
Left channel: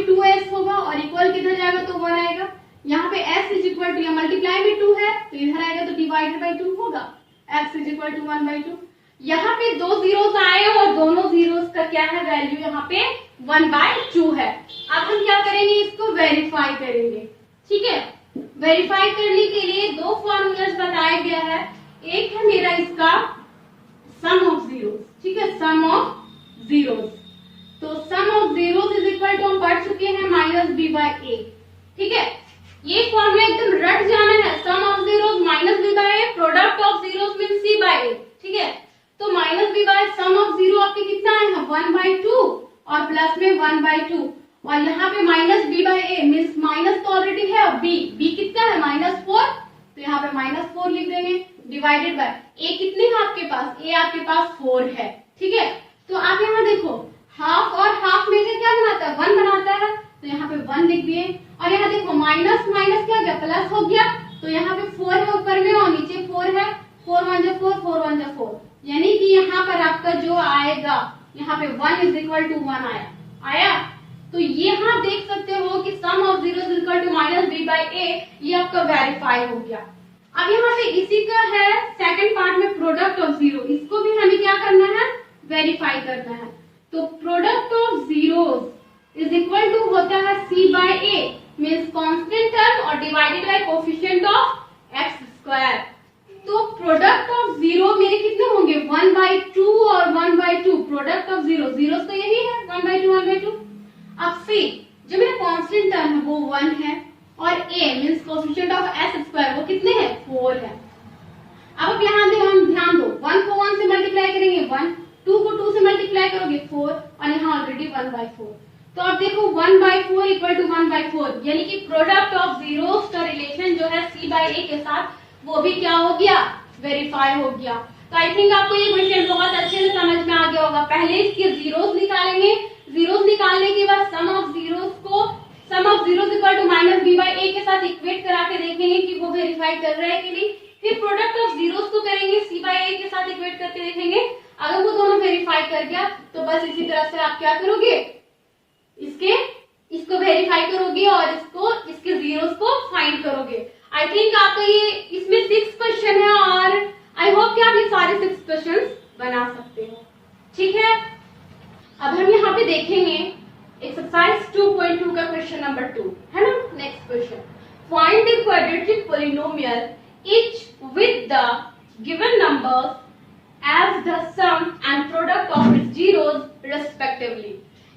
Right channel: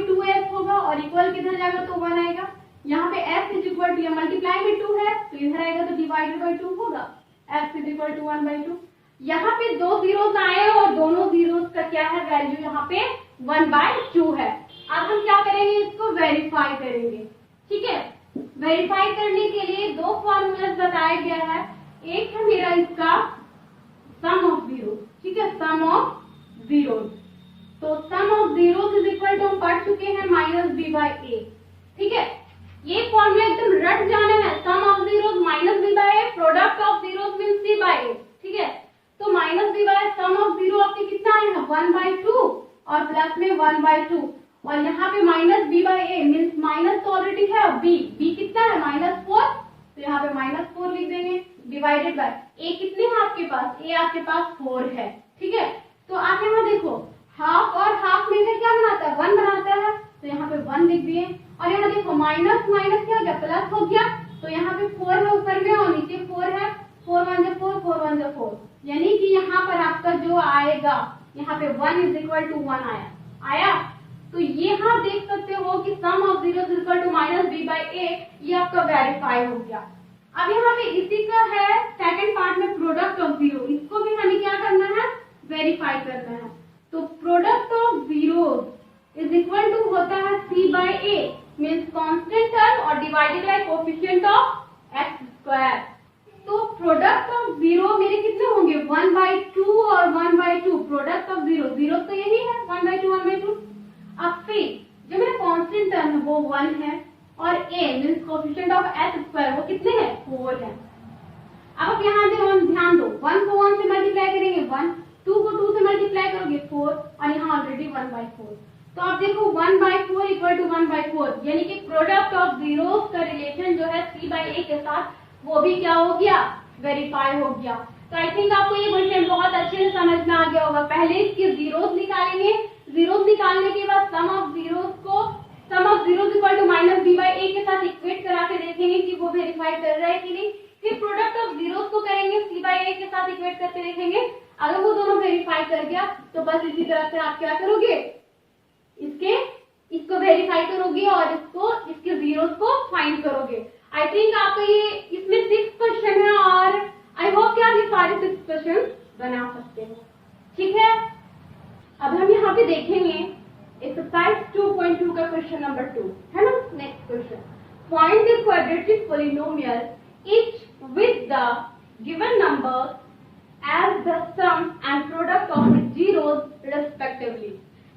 2s होगा और इक्वल किधर जाएगा तो 1 आएगा। यहाँ पे s is equal to multiply में 2 है तो इधर आएगा तो डिवाइडेड बाई 2 होगा, x इज इक्वल टू 1/2। यहाँ पे दो जीरोस आए और दोनों जीरोस का क्या है वैल्यू यहाँ पे 1/2 है। अब हम क्या करेंगे, इसको वेरीफाई करेंगे, ठीक है। वेरीफाई करने के लिए दो फॉर्मूलाज बताया गया है, एक है मेरा इसका सम ऑफ जीरोस, ठीक है, सम ऑफ जीरोस। तो sum of zeros is equal to हम पढ़ चुके हैं -b/a, ठीक है। ये फॉर्मूला एकदम रट जाना है, sum of zeros -b/a, product of zeros means c/a, ठीक है। तो -b/a सम ऑफ जीरो आपके कितना है 1/2 और प्लस में 1/2 और यहाँ पे -b/a मींस माइनस तो ऑलरेडी है और b कितना है -4, तो यहाँ पे -4 लिख देंगे डिवाइडेड बाय a कितनी है आपके पास, a आपके पास 4 है, ठीक है। तो आप यहाँ देखो हाफ और हाफ में से क्या बनाता है 1 बनाता है, तो यहाँ पे 1 लिख दिए और यहाँ देखो माइनस माइनस क्या हो गया प्लस हो गया, तो यहाँ पे 4 है ऊपर में और नीचे 4 है, 4 1 जा 4 4 1 जा 4, यानी कि यहाँ पर आपका जो आएगा यहाँ पे 1 इज इक्वल टू 1 आया। तो यहाँ देख सकते हो कि sum of zero is equal to minus B by A, ये आपका वेरीफाई हो गया। अब यहाँ पे इसी का है सेकंड पार्ट में प्रोडक्ट ऑफ जीरो, इसको भी हमें क्या करना है, वेरीफाई करना है। तो product of zeros is equal to होता है C by A, means constant term और divided by coefficient of x square. तो प्रोडक्ट ऑफ जीरो मेरे कितने होंगे, 1/2 और 1/2। प्रोडक्ट ऑफ जीरो, जीरो तो यही है 1/2 1/2। अब सी जो मेरा कांस्टेंट टर्म है वो 1 है और a means coefficient of s square वो कितने हैं, 4 है। अब आप यहाँ ध्यान दो, 1 को 1 से मल्टीप्लाई करेंगे 1, 2 को 2 से मल्टीप्लाई करोगे 4 और यहाँ ऑलरेडी 1/4। तो आप देखो 1/4 इक्वल टू 1/4, यानी कि प्रोडक्ट ऑफ जीरोस का रिलेशन जो है c बाय a के साथ वो भी क्या हो गया, वेरीफाई हो गया। तो आई थिंक आपको ये क्वेश्चन बहुत अच्छे से समझ में आ गया होगा। पहले इसके जीरोस निकालेंगे, जीरोस निकालने के बाद सम ऑफ जीरोस को sum of zeros equal to minus B by A के साथ इक्वेट करा के देखेंगे कि वो वेरीफाई कर रहा है कि नहीं। फिर प्रोडक्ट ऑफ जीरोस को करेंगे सी बाई ए के साथ इक्वेट करके देखेंगे, अगर वो दोनों वेरीफाई कर गया तो बस इसी तरह से आप क्या करोगे, इसको वेरीफाई करोगे और इसके जीरोस को फाइंड करोगे। आई थिंक आपको ये इसमें 6 क्वेश्चन है और आई होप कि आप ये सारे 6 क्वेश्चन बना सकते हो। ठीक है, अब हम यहाँ पे देखेंगे एक्सरसाइज 2.2 का क्वेश्चन नंबर 2 है ना। Next question, find the quadratic polynomial each with the given numbers as the sum and product of its zeros respectively।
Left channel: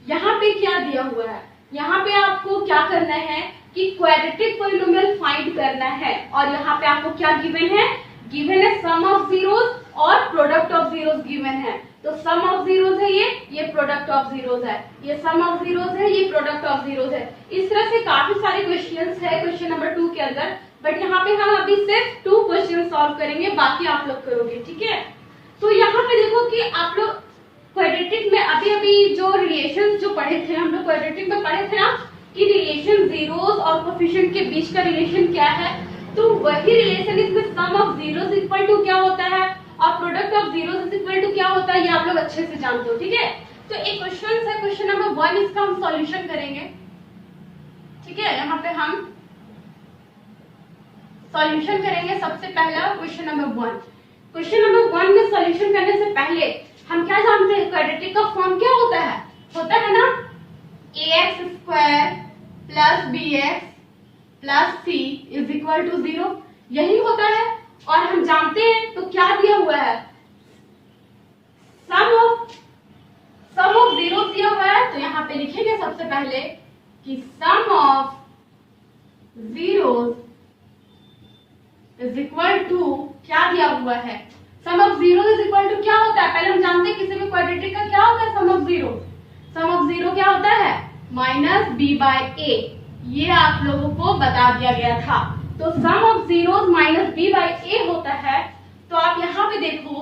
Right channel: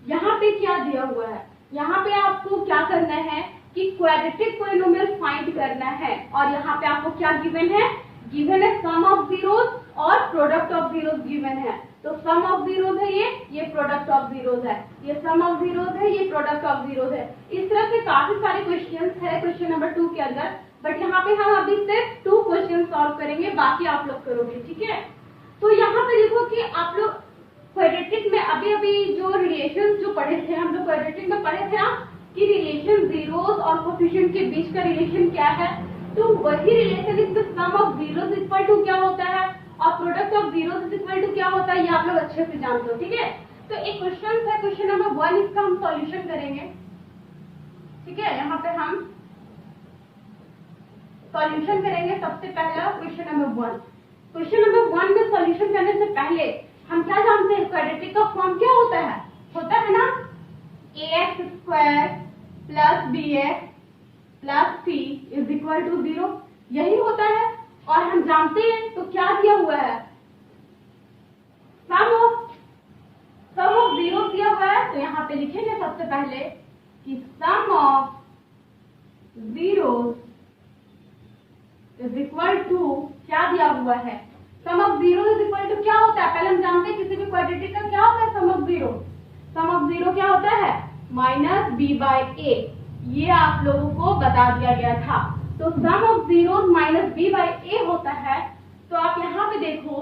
यहाँ पे क्या दिया हुआ है, यहाँ पे आपको क्या करना है कि क्वाड्रेटिक पॉलिनोमियल फाइंड करना है और यहाँ पे आपको क्या गिवन है, गिवन है सम ऑफ जीरोस और प्रोडक्ट ऑफ जीरोस गिवन है। तो सम ऑफ जीरोस है ये प्रोडक्ट ऑफ जीरोस है, ये सम ऑफ जीरोस है, ये प्रोडक्ट ऑफ जीरोस है। इस तरह से काफी सारे क्वेश्चंस है क्वेश्चन नंबर 2 के अंदर, बट यहाँ पे हम अभी सिर्फ 2 क्वेश्चन सॉल्व करेंगे, बाकी आप लोग करोगे। ठीक है, तो यहाँ पे देखो कि आप लोग क्वाड्रेटिक में अभी जो रिलेशन जो पढ़े थे, हम लोग क्वाड्रेटिक में पढ़े थे ना कि रिलेशन जीरोस और कोएफिशिएंट के बीच का रिलेशन क्या है। तो वही रिलेशन इसमें sum of zeros equal to क्या होता है और product of zeros equal to क्या होता है, ये आप लोग अच्छे से जानते हो। ठीक है, तो एक क्वेश्चन है क्वेश्चन नंबर 1, इसका हम सॉल्यूशन करेंगे। ठीक है, यहाँ पे हम सॉल्यूशन करेंगे। सबसे पहला क्वेश्चन नंबर 1, क्वेश्चन नंबर 1 में सॉल्यूशन करने से पहले हम क्या जानते हैं, क्वाड्रेटिक का फॉर्म क्या होता है ना ax square plus bx plus c is equal to 0, यही होता है। और हम जानते हैं तो क्या दिया हुआ है, सम ऑफ जीरो दिया हुआ है। तो यहाँ पे लिखेंगे सबसे पहले कि sum of zeros is equal to क्या दिया हुआ है, sum of zero is equal to क्या होता है, पहले हम जानते हैं किसी भी क्वाड्रेटिक का क्या होता है sum of zero. Sum of zero क्या होता है, माइनस बी बाई ए, ये आप लोगों को बता दिया गया था। तो sum of zero minus B by A होता है। तो आप यहाँ पे देखो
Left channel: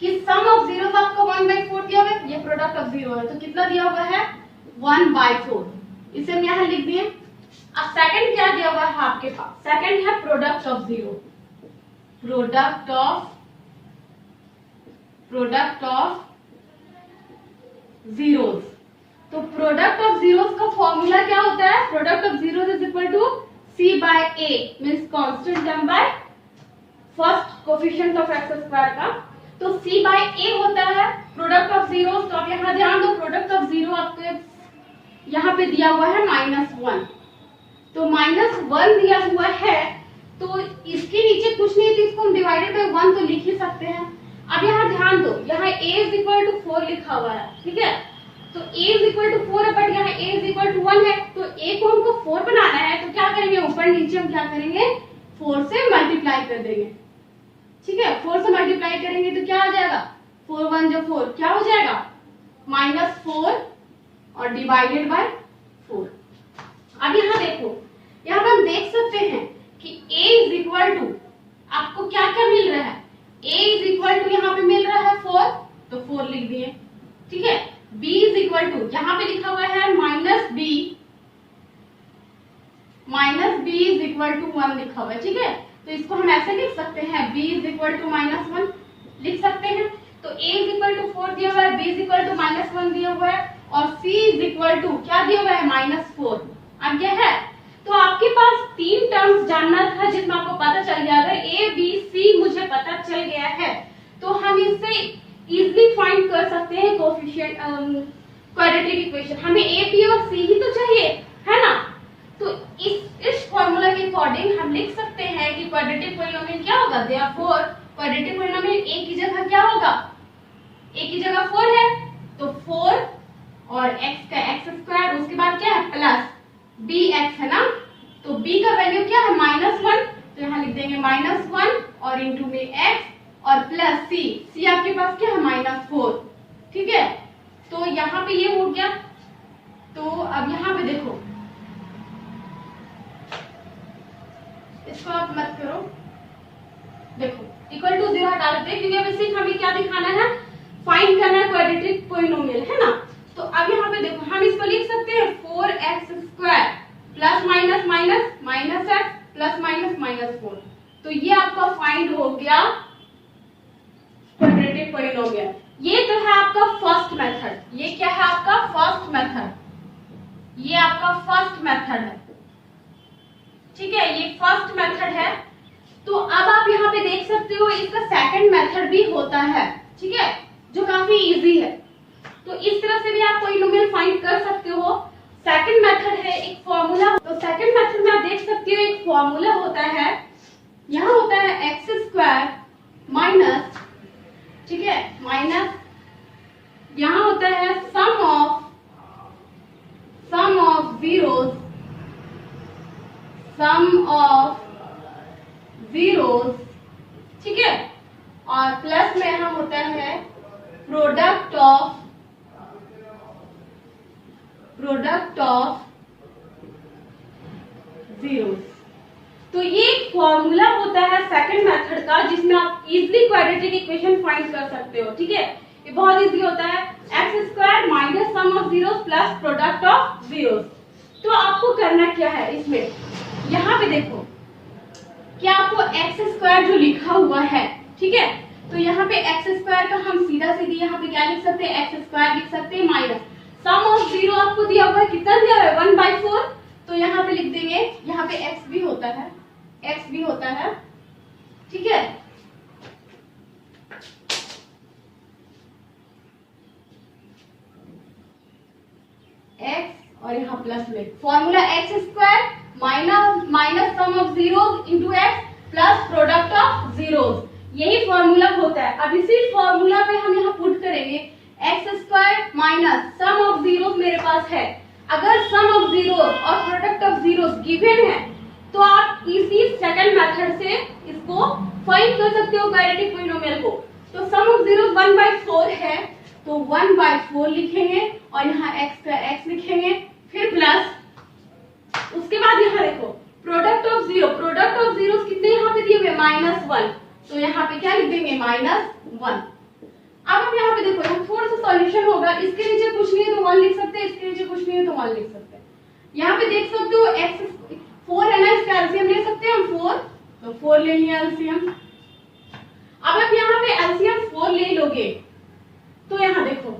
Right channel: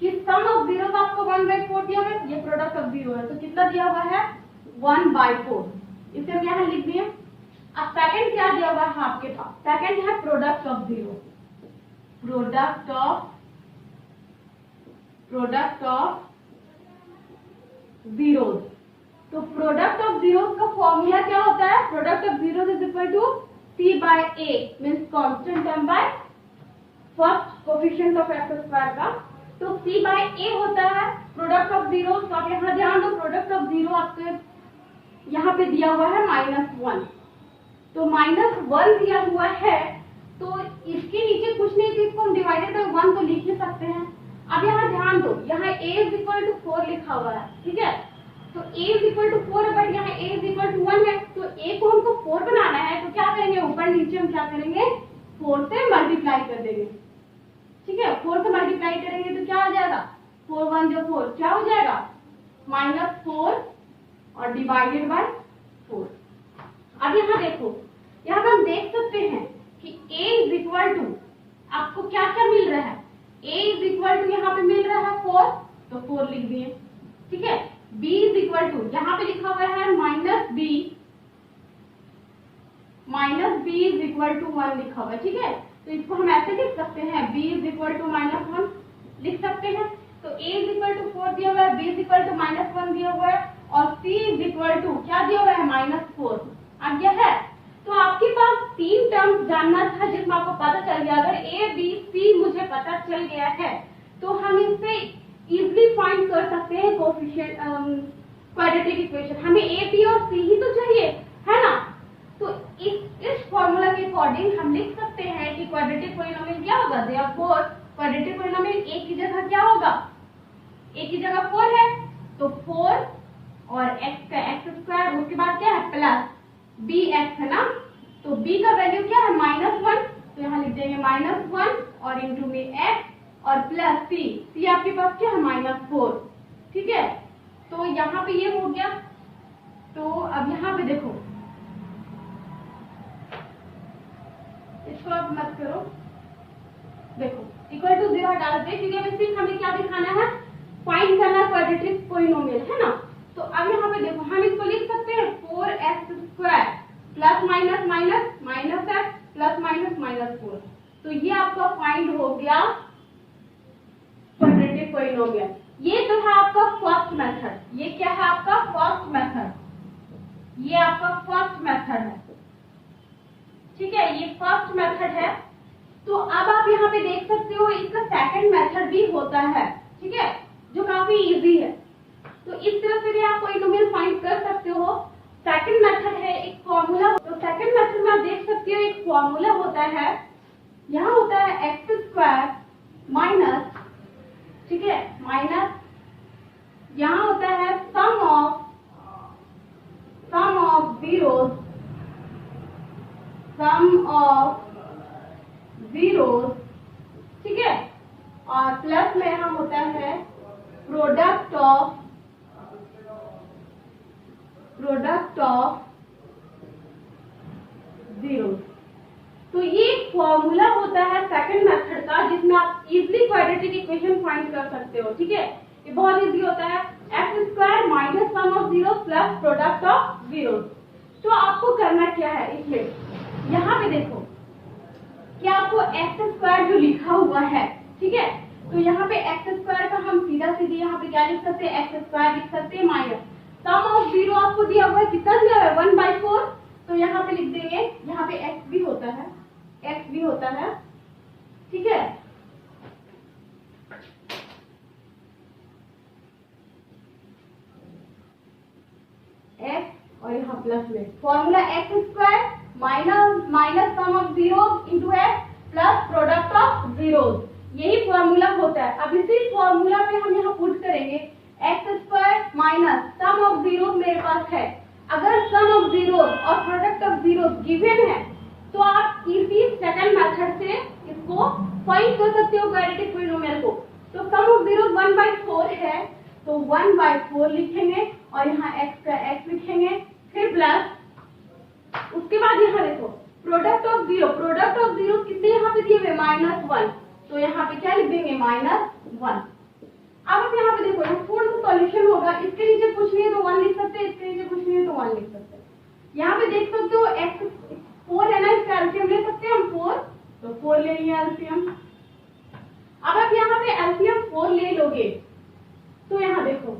कि सम ऑफ जीरो आपको 1/4 दिया हुआ है, ये प्रोडक्ट ऑफ जीरो है, तो कितना दिया हुआ है 1/4, इसे हम यहाँ लिख दिए। अब सेकंड क्या दिया हुआ है आपके पास, सेकंड है product of zero, product of zeros. तो प्रोडक्ट ऑफ जीरोस का फॉर्मूला क्या होता है, product of zeros is equal to c by a means constant term by first coefficient of x square का। तो c बाय a होता है product of zeros. तो आप यहाँ ध्यान दो, प्रोडक्ट ऑफ जीरो आपके यहाँ पे दिया हुआ है -1, तो -1 दिया हुआ है, तो इसके नीचे कुछ नहीं, तो इसको हम डिवाइडेड बाय 1 तो लिख ही सकते हैं। अब यहाँ ध्यान दो, यहाँ a इज इक्वल टू 4 लिखा हुआ है। ठीक है, तो a इज इक्वल टू 4 है, बट यहाँ a इज इक्वल टू 1 है। तो a को हमको 4 बनाना है, तो क्या करेंगे, ऊपर नीचे हम क्या करेंगे 4 से मल्टीप्लाई कर देंगे। ठीक है, 4 से मल्टीप्लाई करेंगे तो क्या हो जाएगा, 4 1 जो 4 क्या हो जाएगा -4 और डिवाइडेड बाय 4। अब यहाँ देखो, यहाँ पर हम देख सकते हैं कि a इज इक्वल टू आपको क्या क्या मिल रहा है, a इज इक्वल टू यहाँ पे मिल रहा है 4, तो 4 लिख दिए। ठीक है, b इज इक्वल टू यहाँ पे लिखा हुआ है -b इज इक्वल टू 1 लिखा हुआ है। ठीक है, तो इसको हम ऐसे लिख सकते हैं, b इज इक्वल टू -1 लिख सकते हैं। तो a इज इक्वल टू 4 दिया हुआ है, b इज इक्वल टू -1 दिया हुआ है, और c इज इक्वल टू क्या दिया हुआ है -4 आ गया है। तो आपके पास 3 टर्म्स जानना था जिसमें आपको पता चल गया। अगर a b c मुझे पता चल गया है तो हम इससे इजीली फाइंड कर सकते हैं कोएफिशिएंट क्वाड्रेटिक इक्वेशन। हमें a b और c ही तो चाहिए है ना। तो इस फॉर्मूला के अकॉर्डिंग हम लिख सकते हैं कि क्वाड्रेटिक पॉलिनोमियल क्या होगा, देयरफॉर क्वाड्रेटिक पॉलिनोमियल a की जगह क्या होगा, a की जगह 4 है तो 4 और x का x², उसके बाद क्या है प्लस bx है ना। तो b का वैल्यू क्या है -1, तो यहाँ लिख देंगे -1 और इंटू में x और प्लस c आपके पास क्या है -4, ठीक है। तो यहाँ पे ये हो गया। तो अब यहाँ पे देखो, इसको आप मत करो, देखो इक्वल टू 0 हटा देते हैं क्योंकि अब सिर्फ हमें क्या दिखाना है, फाइंड करना है क्वाड्रेटिक पॉलिनोमियल है ना। तो अब यहाँ पे देखो हम इसको लिख सकते हैं 4x² plus minus minus minus x plus minus -4। तो ये आपका फाइंड हो गया क्वाड्रेटिक पॉलिनोमियल। ये तो है आपका फर्स्ट मेथड। ये क्या है आपका फर्स्ट मेथड, ये आपका फर्स्ट मेथड है, ठीक है, ये फर्स्ट मेथड है। तो अब आप यहाँ पे देख सकते हो इसका सेकंड मेथड भी होता है, ठीक है, जो काफी इजी है। तो इस तरह से भी आप पॉलिनोमियल फाइंड कर सकते हो। सेकंड मेथड है एक फॉर्मूला। तो सेकंड मेथड में आप देख सकते हो एक फॉर्मूला होता है, यहाँ होता है x² माइनस, ठीक है, माइनस यहाँ होता है sum of zeros, sum of zeros, ठीक है, और प्लस में यहाँ होता है प्रोडक्ट ऑफ zeros। तो ये एक फॉर्मूला होता है सेकंड मेथड का जिसमें आप इजीली क्वाड्रेटिक इक्वेशन फाइंड कर सकते हो, ठीक है। ये बहुत इजी होता है, x² minus sum of zeros plus product of zeros. तो आपको करना क्या है इसमें, यहाँ पे देखो कि आपको x² जो लिखा हुआ है, ठीक है, तो यहाँ पे x² का हम सीधा सीधी यहाँ पे क्या लिख सकते हैं, x² लिख सकते हैं माइनस सम ऑफ जीरो आपको दिया हुआ है, कितना दिया हुआ है 1/4। तो यहाँ पे लिख देंगे, यहाँ पे x भी होता है, ठीक है। x और यहाँ प्लस में formula x² minus sum of zeros into x plus product of zeros, यही फॉर्मूला होता है। अब इसी फॉर्मूला पे हम यहाँ पुट करेंगे x² minus sum of zeros मेरे पास है। अगर सम ऑफ जीरोस और प्रोडक्ट ऑफ जीरोस गिवन है तो आप इसी सेकंड मेथड से इसको फाइंड कर सकते हो क्वाड्रेटिक पॉलिनोमियल को। तो सम ऑफ जीरोस 1/4 है तो 1/4 लिखेंगे और यहाँ x का x लिखेंगे, फिर प्लस, उसके बाद यहाँ देखो प्रोडक्ट ऑफ जीरोस कितने यहाँ पे दिए हुए -1, तो यहाँ पे क्या लिख देंगे -1। अब आप यहाँ पे देखो, यहाँ थोड़ा सा सॉल्यूशन होगा, इसके नीचे कुछ नहीं है तो 1 लिख सकते हैं, इसके नीचे कुछ नहीं है तो 1 लिख सकते हैं। यहाँ पे देख सकते हो x 4 है ना, इसका एलसीएम ले सकते हैं हम 4, तो 4 ले लिया एलसीएम। अब आप यहाँ पे एलसीएम 4 ले लोगे तो यहाँ देखो,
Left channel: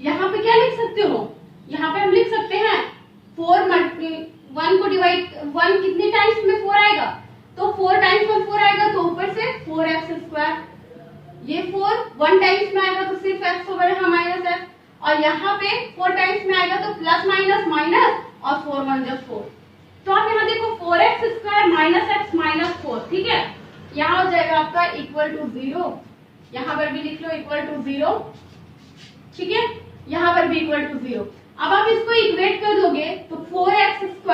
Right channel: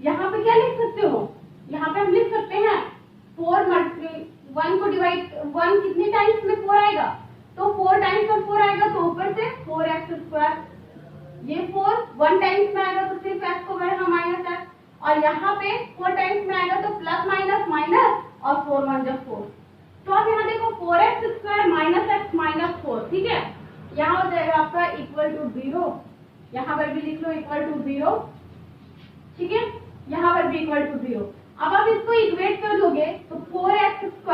यहाँ पे क्या लिख सकते हो, यहाँ पे हम लिख सकते हैं 1 को डिवाइड 1 कितने टाइम्स में 4 आएगा, तो 4 टाइम्स में 4 आएगा तो ऊपर से 4x², ये 4 1 टाइम्स में आएगा तो सिर्फ x होगा यहाँ -x, और यहाँ पे 4 टाइम्स में आएगा तो प्लस माइनस माइनस और 4 1 जा 4। तो आप यहाँ देखो 4x² माइनस x माइनस 4, ठीक है, यहाँ हो जाएगा आपका इक्वल टू 0, यहाँ पर भी लिख लो इक्वल टू 0, ठीक है, यहाँ पर भी इक्वल टू 0। अब आप इसको इक्वेट कर दोगे तो 4x²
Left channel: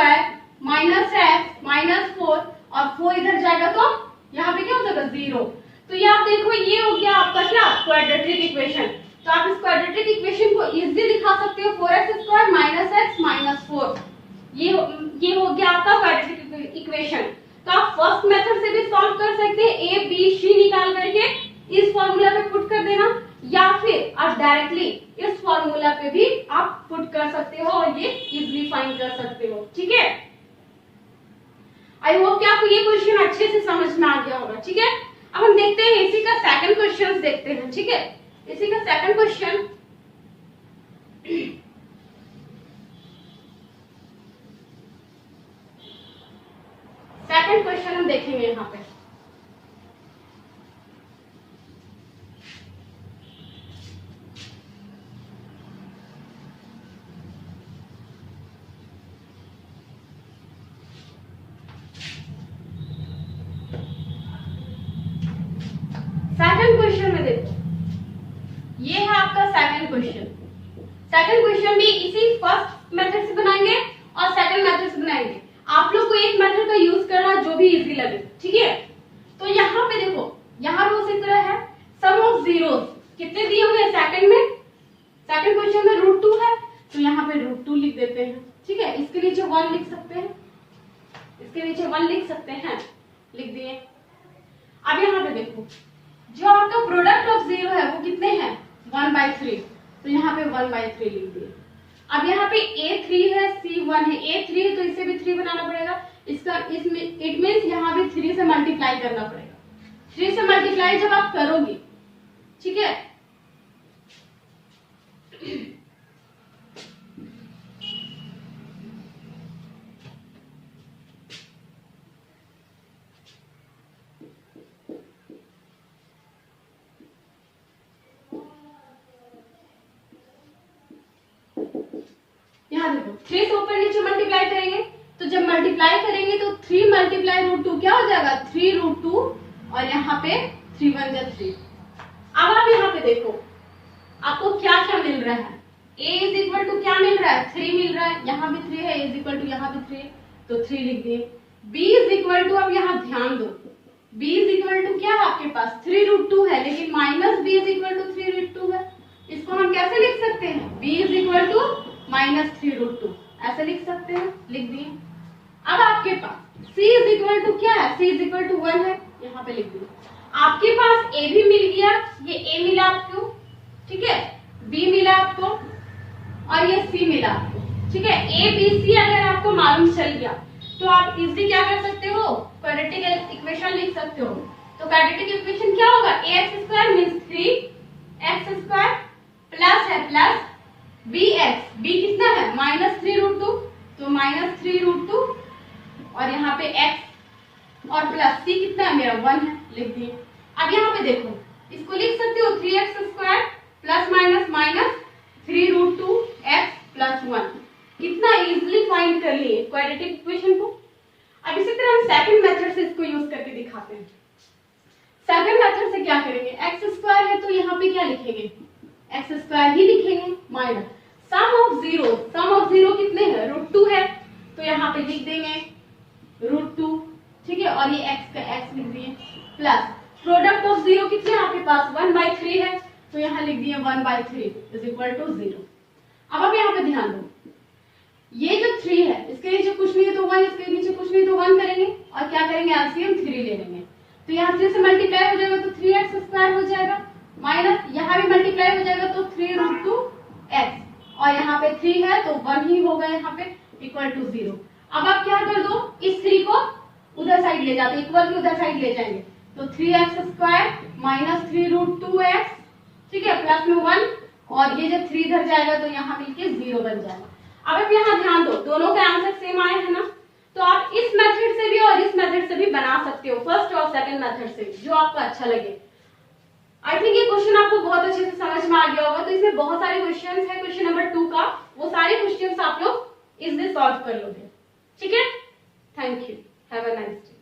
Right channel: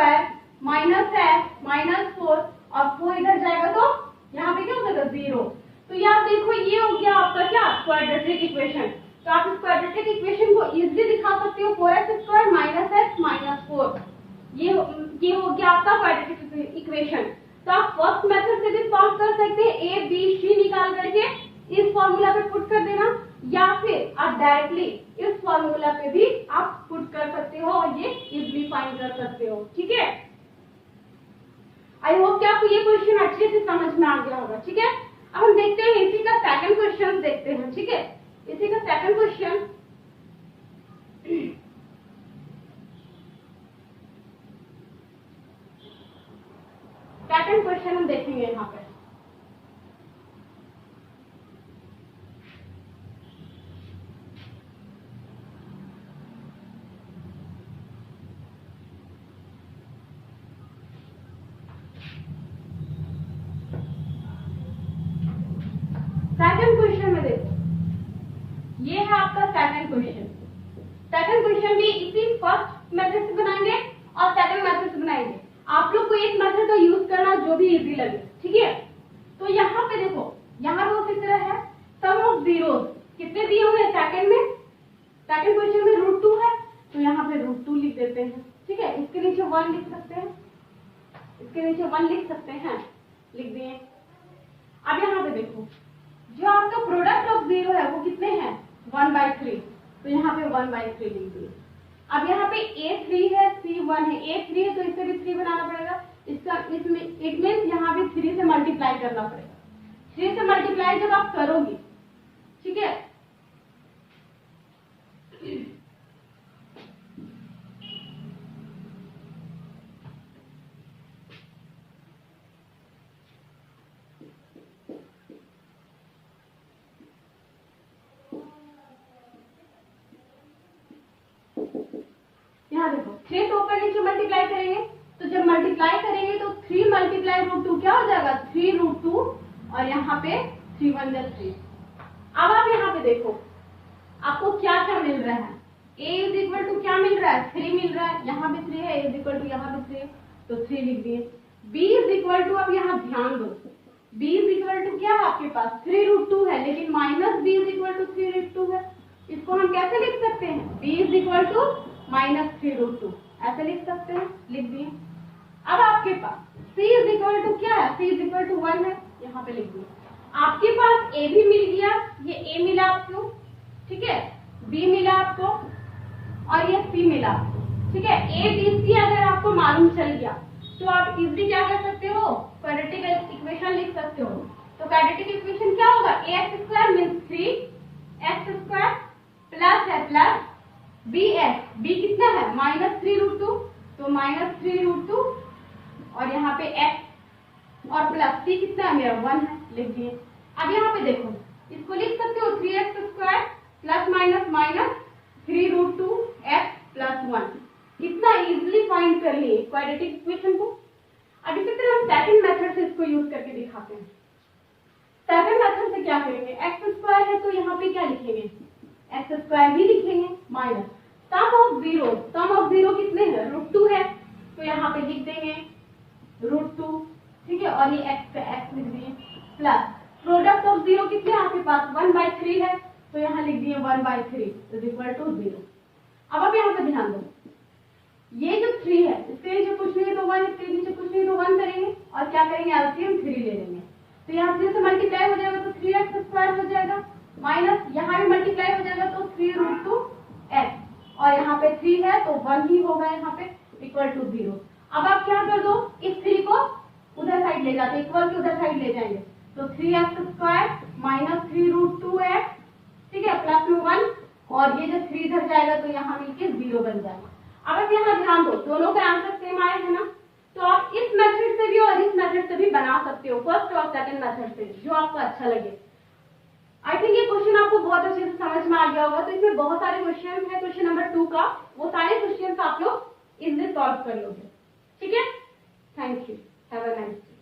माइनस x माइनस 4 और 4 इधर जाएगा तो यहाँ पे क्या हो जाएगा 0। तो ये आप देखो, ये हो गया आपका क्या क्वाड्रेटिक इक्वेशन। तो आप इस क्वाड्रेटिक इक्वेशन को इजीली दिखा सकते हो 4x² माइनस x माइनस 4, ये हो गया आपका क्वाड्रेटिक इक्वेशन। तो आप फर्स्ट मेथड से भी सॉल्व कर सकते हैं, a b c निकाल करके इस फॉर्मूला पे पुट कर देना, या फिर आप डायरेक्टली इस फॉर्मूला पे भी आप पुट कर सकते हो और ये इजीली फाइंड कर सकते हो, ठीक है। आई होप कि आपको ये क्वेश्चन अच्छे से समझ में आ गया होगा, ठीक है। अब हम देखते हैं इसी का सेकंड क्वेश्चन देखते हैं, ठीक है। इसी का सेकंड क्वेश्चन, सेकंड क्वेश्चन हम देखेंगे यहाँ पे। सेकंड क्वेश्चन में देखो, ये है आपका सेकंड क्वेश्चन। सेकंड क्वेश्चन भी इसी फर्स्ट मेथड से बनाएंगे और सेकंड मेथड से बनाएंगे। आप लोग को एक मेथड का यूज करना जो भी इजी लगे, ठीक है। तो यहाँ पे देखो, यहाँ पे उसी तरह है, सम ऑफ जीरोस कितने दिए हुए सेकंड में, सेकंड क्वेश्चन में √2 है, तो यहाँ पे √2 लिख देते हैं, ठीक है। इसके नीचे 1 लिख सकते हैं, इसके नीचे 1 लिख सकते हैं, लिख दिए। अब यहाँ पे देखो, जो आपका प्रोडक्ट ऑफ जीरो है वो कितने हैं, 1/3, तो यहाँ पे 1/3 लिख दिए। अब यहाँ पे A3 है, C1 है, A3 है तो इससे भी 3 बनाना पड़ेगा, इसका इसमें इट मींस यहाँ भी 3 से मल्टीप्लाई करना पड़ेगा। 3 से मल्टीप्लाई जब आप करोगे, ठीक है, यहाँ देखो 3 से ऊपर नीचे मल्टीप्लाई करेंगे, तो जब मल्टीप्लाई करेंगे तो 3 मल्टीप्लाई √2 क्या हो जाएगा, 3√2, और यहाँ पे 3 1 जा 3। अब आप यहाँ पे देखो आपको क्या क्या मिल रहा है, a इज इक्वल टू क्या मिल रहा है, 3 मिल रहा है, यहाँ भी 3 है, a इज इक्वल टू यहाँ भी 3 है, तो 3 लिख दिए। b इज इक्वल टू, अब यहाँ ध्यान दो, b इज इक्वल टू क्या है आपके पास, 3√2 है, लेकिन minus b is equal to 3√2 है। इसको हम कैसे लिख सकते हैं, b इज इक्वल टू -3√2, ऐसे लिख सकते हैं, लिख दिए। अब आपके पास c इज इक्वल टू क्या है, c इज इक्वल टू 1 है, यहाँ पे लिख दिए। आपके पास a भी मिल गया, ये a मिला आपको, ठीक है, b मिला आपको, और ये c मिला आपको, ठीक है। a b c अगर आपको मालूम चल गया तो आप इजीली क्या कर सकते हो, क्वाड्रेटिक इक्वेशन लिख सकते हो। तो क्वाड्रेटिक इक्वेशन क्या होगा, ax² मींस 3x² प्लस है प्लस bx, b कितना है -3√2, तो -3√2, और यहाँ पे x और प्लस c कितना है मेरा 1 है, लिख दिए। अब यहाँ पे देखो, इसको लिख सकते हो 3x² plus minus minus 3√2x plus 1, कितना इजीली फाइंड कर लिए क्वाड्रेटिक इक्वेशन को। अब इसी तरह हम सेकंड मेथड से इसको यूज करके दिखाते हैं। सेकंड मेथड से क्या करेंगे, x² है तो यहाँ पे क्या लिखेंगे, x² ही लिखेंगे, माइनस सम ऑफ जीरो कितने हैं, √2 है, तो यहाँ पे लिख देंगे √2, ठीक है, और ये x का x लिख दिए, प्लस प्रोडक्ट ऑफ जीरो कितने आपके पास 1/3 है, तो यहाँ लिख दिए 1/3 इज इक्वल टू 0। अब आप यहाँ पे ध्यान दो, ये जो 3 है इसके नीचे कुछ नहीं है तो 1, इसके नीचे कुछ नहीं तो 1 करेंगे, और क्या करेंगे एलसीएम 3 ले लेंगे, तो यहाँ 3 से मल्टीप्लाई हो जाएगा तो 3x² हो जाएगा, माइनस यहाँ भी मल्टीप्लाई हो जाएगा तो 3√2x, और यहाँ पे 3 है तो 1 ही होगा यहाँ पे, इक्वल टू 0। अब आप क्या कर दो, इस 3 को उधर साइड ले जाते, इक्वल की उधर साइड ले जाएंगे, तो 3x² माइनस 3√2x, ठीक है, प्लस में 1, और ये जब 3 इधर जाएगा तो यहाँ मिलके 0 बन जाएगा। अब आप यहाँ ध्यान दो, दोनों के आंसर सेम आए हैं ना, तो आप इस मेथड से भी और इस मेथड से भी बना सकते हो, फर्स्ट और सेकंड मेथड से, जो आपको अच्छा लगे। आई थिंक ये क्वेश्चन आपको बहुत अच्छे से समझ में आ गया होगा। तो इसमें बहुत सारे क्वेश्चंस है, क्वेश्चन नंबर 2 का, वो सारे क्वेश्चंस आप लोग इजीली सॉल्व कर लोगे, ठीक है। Thank you, have a nice day.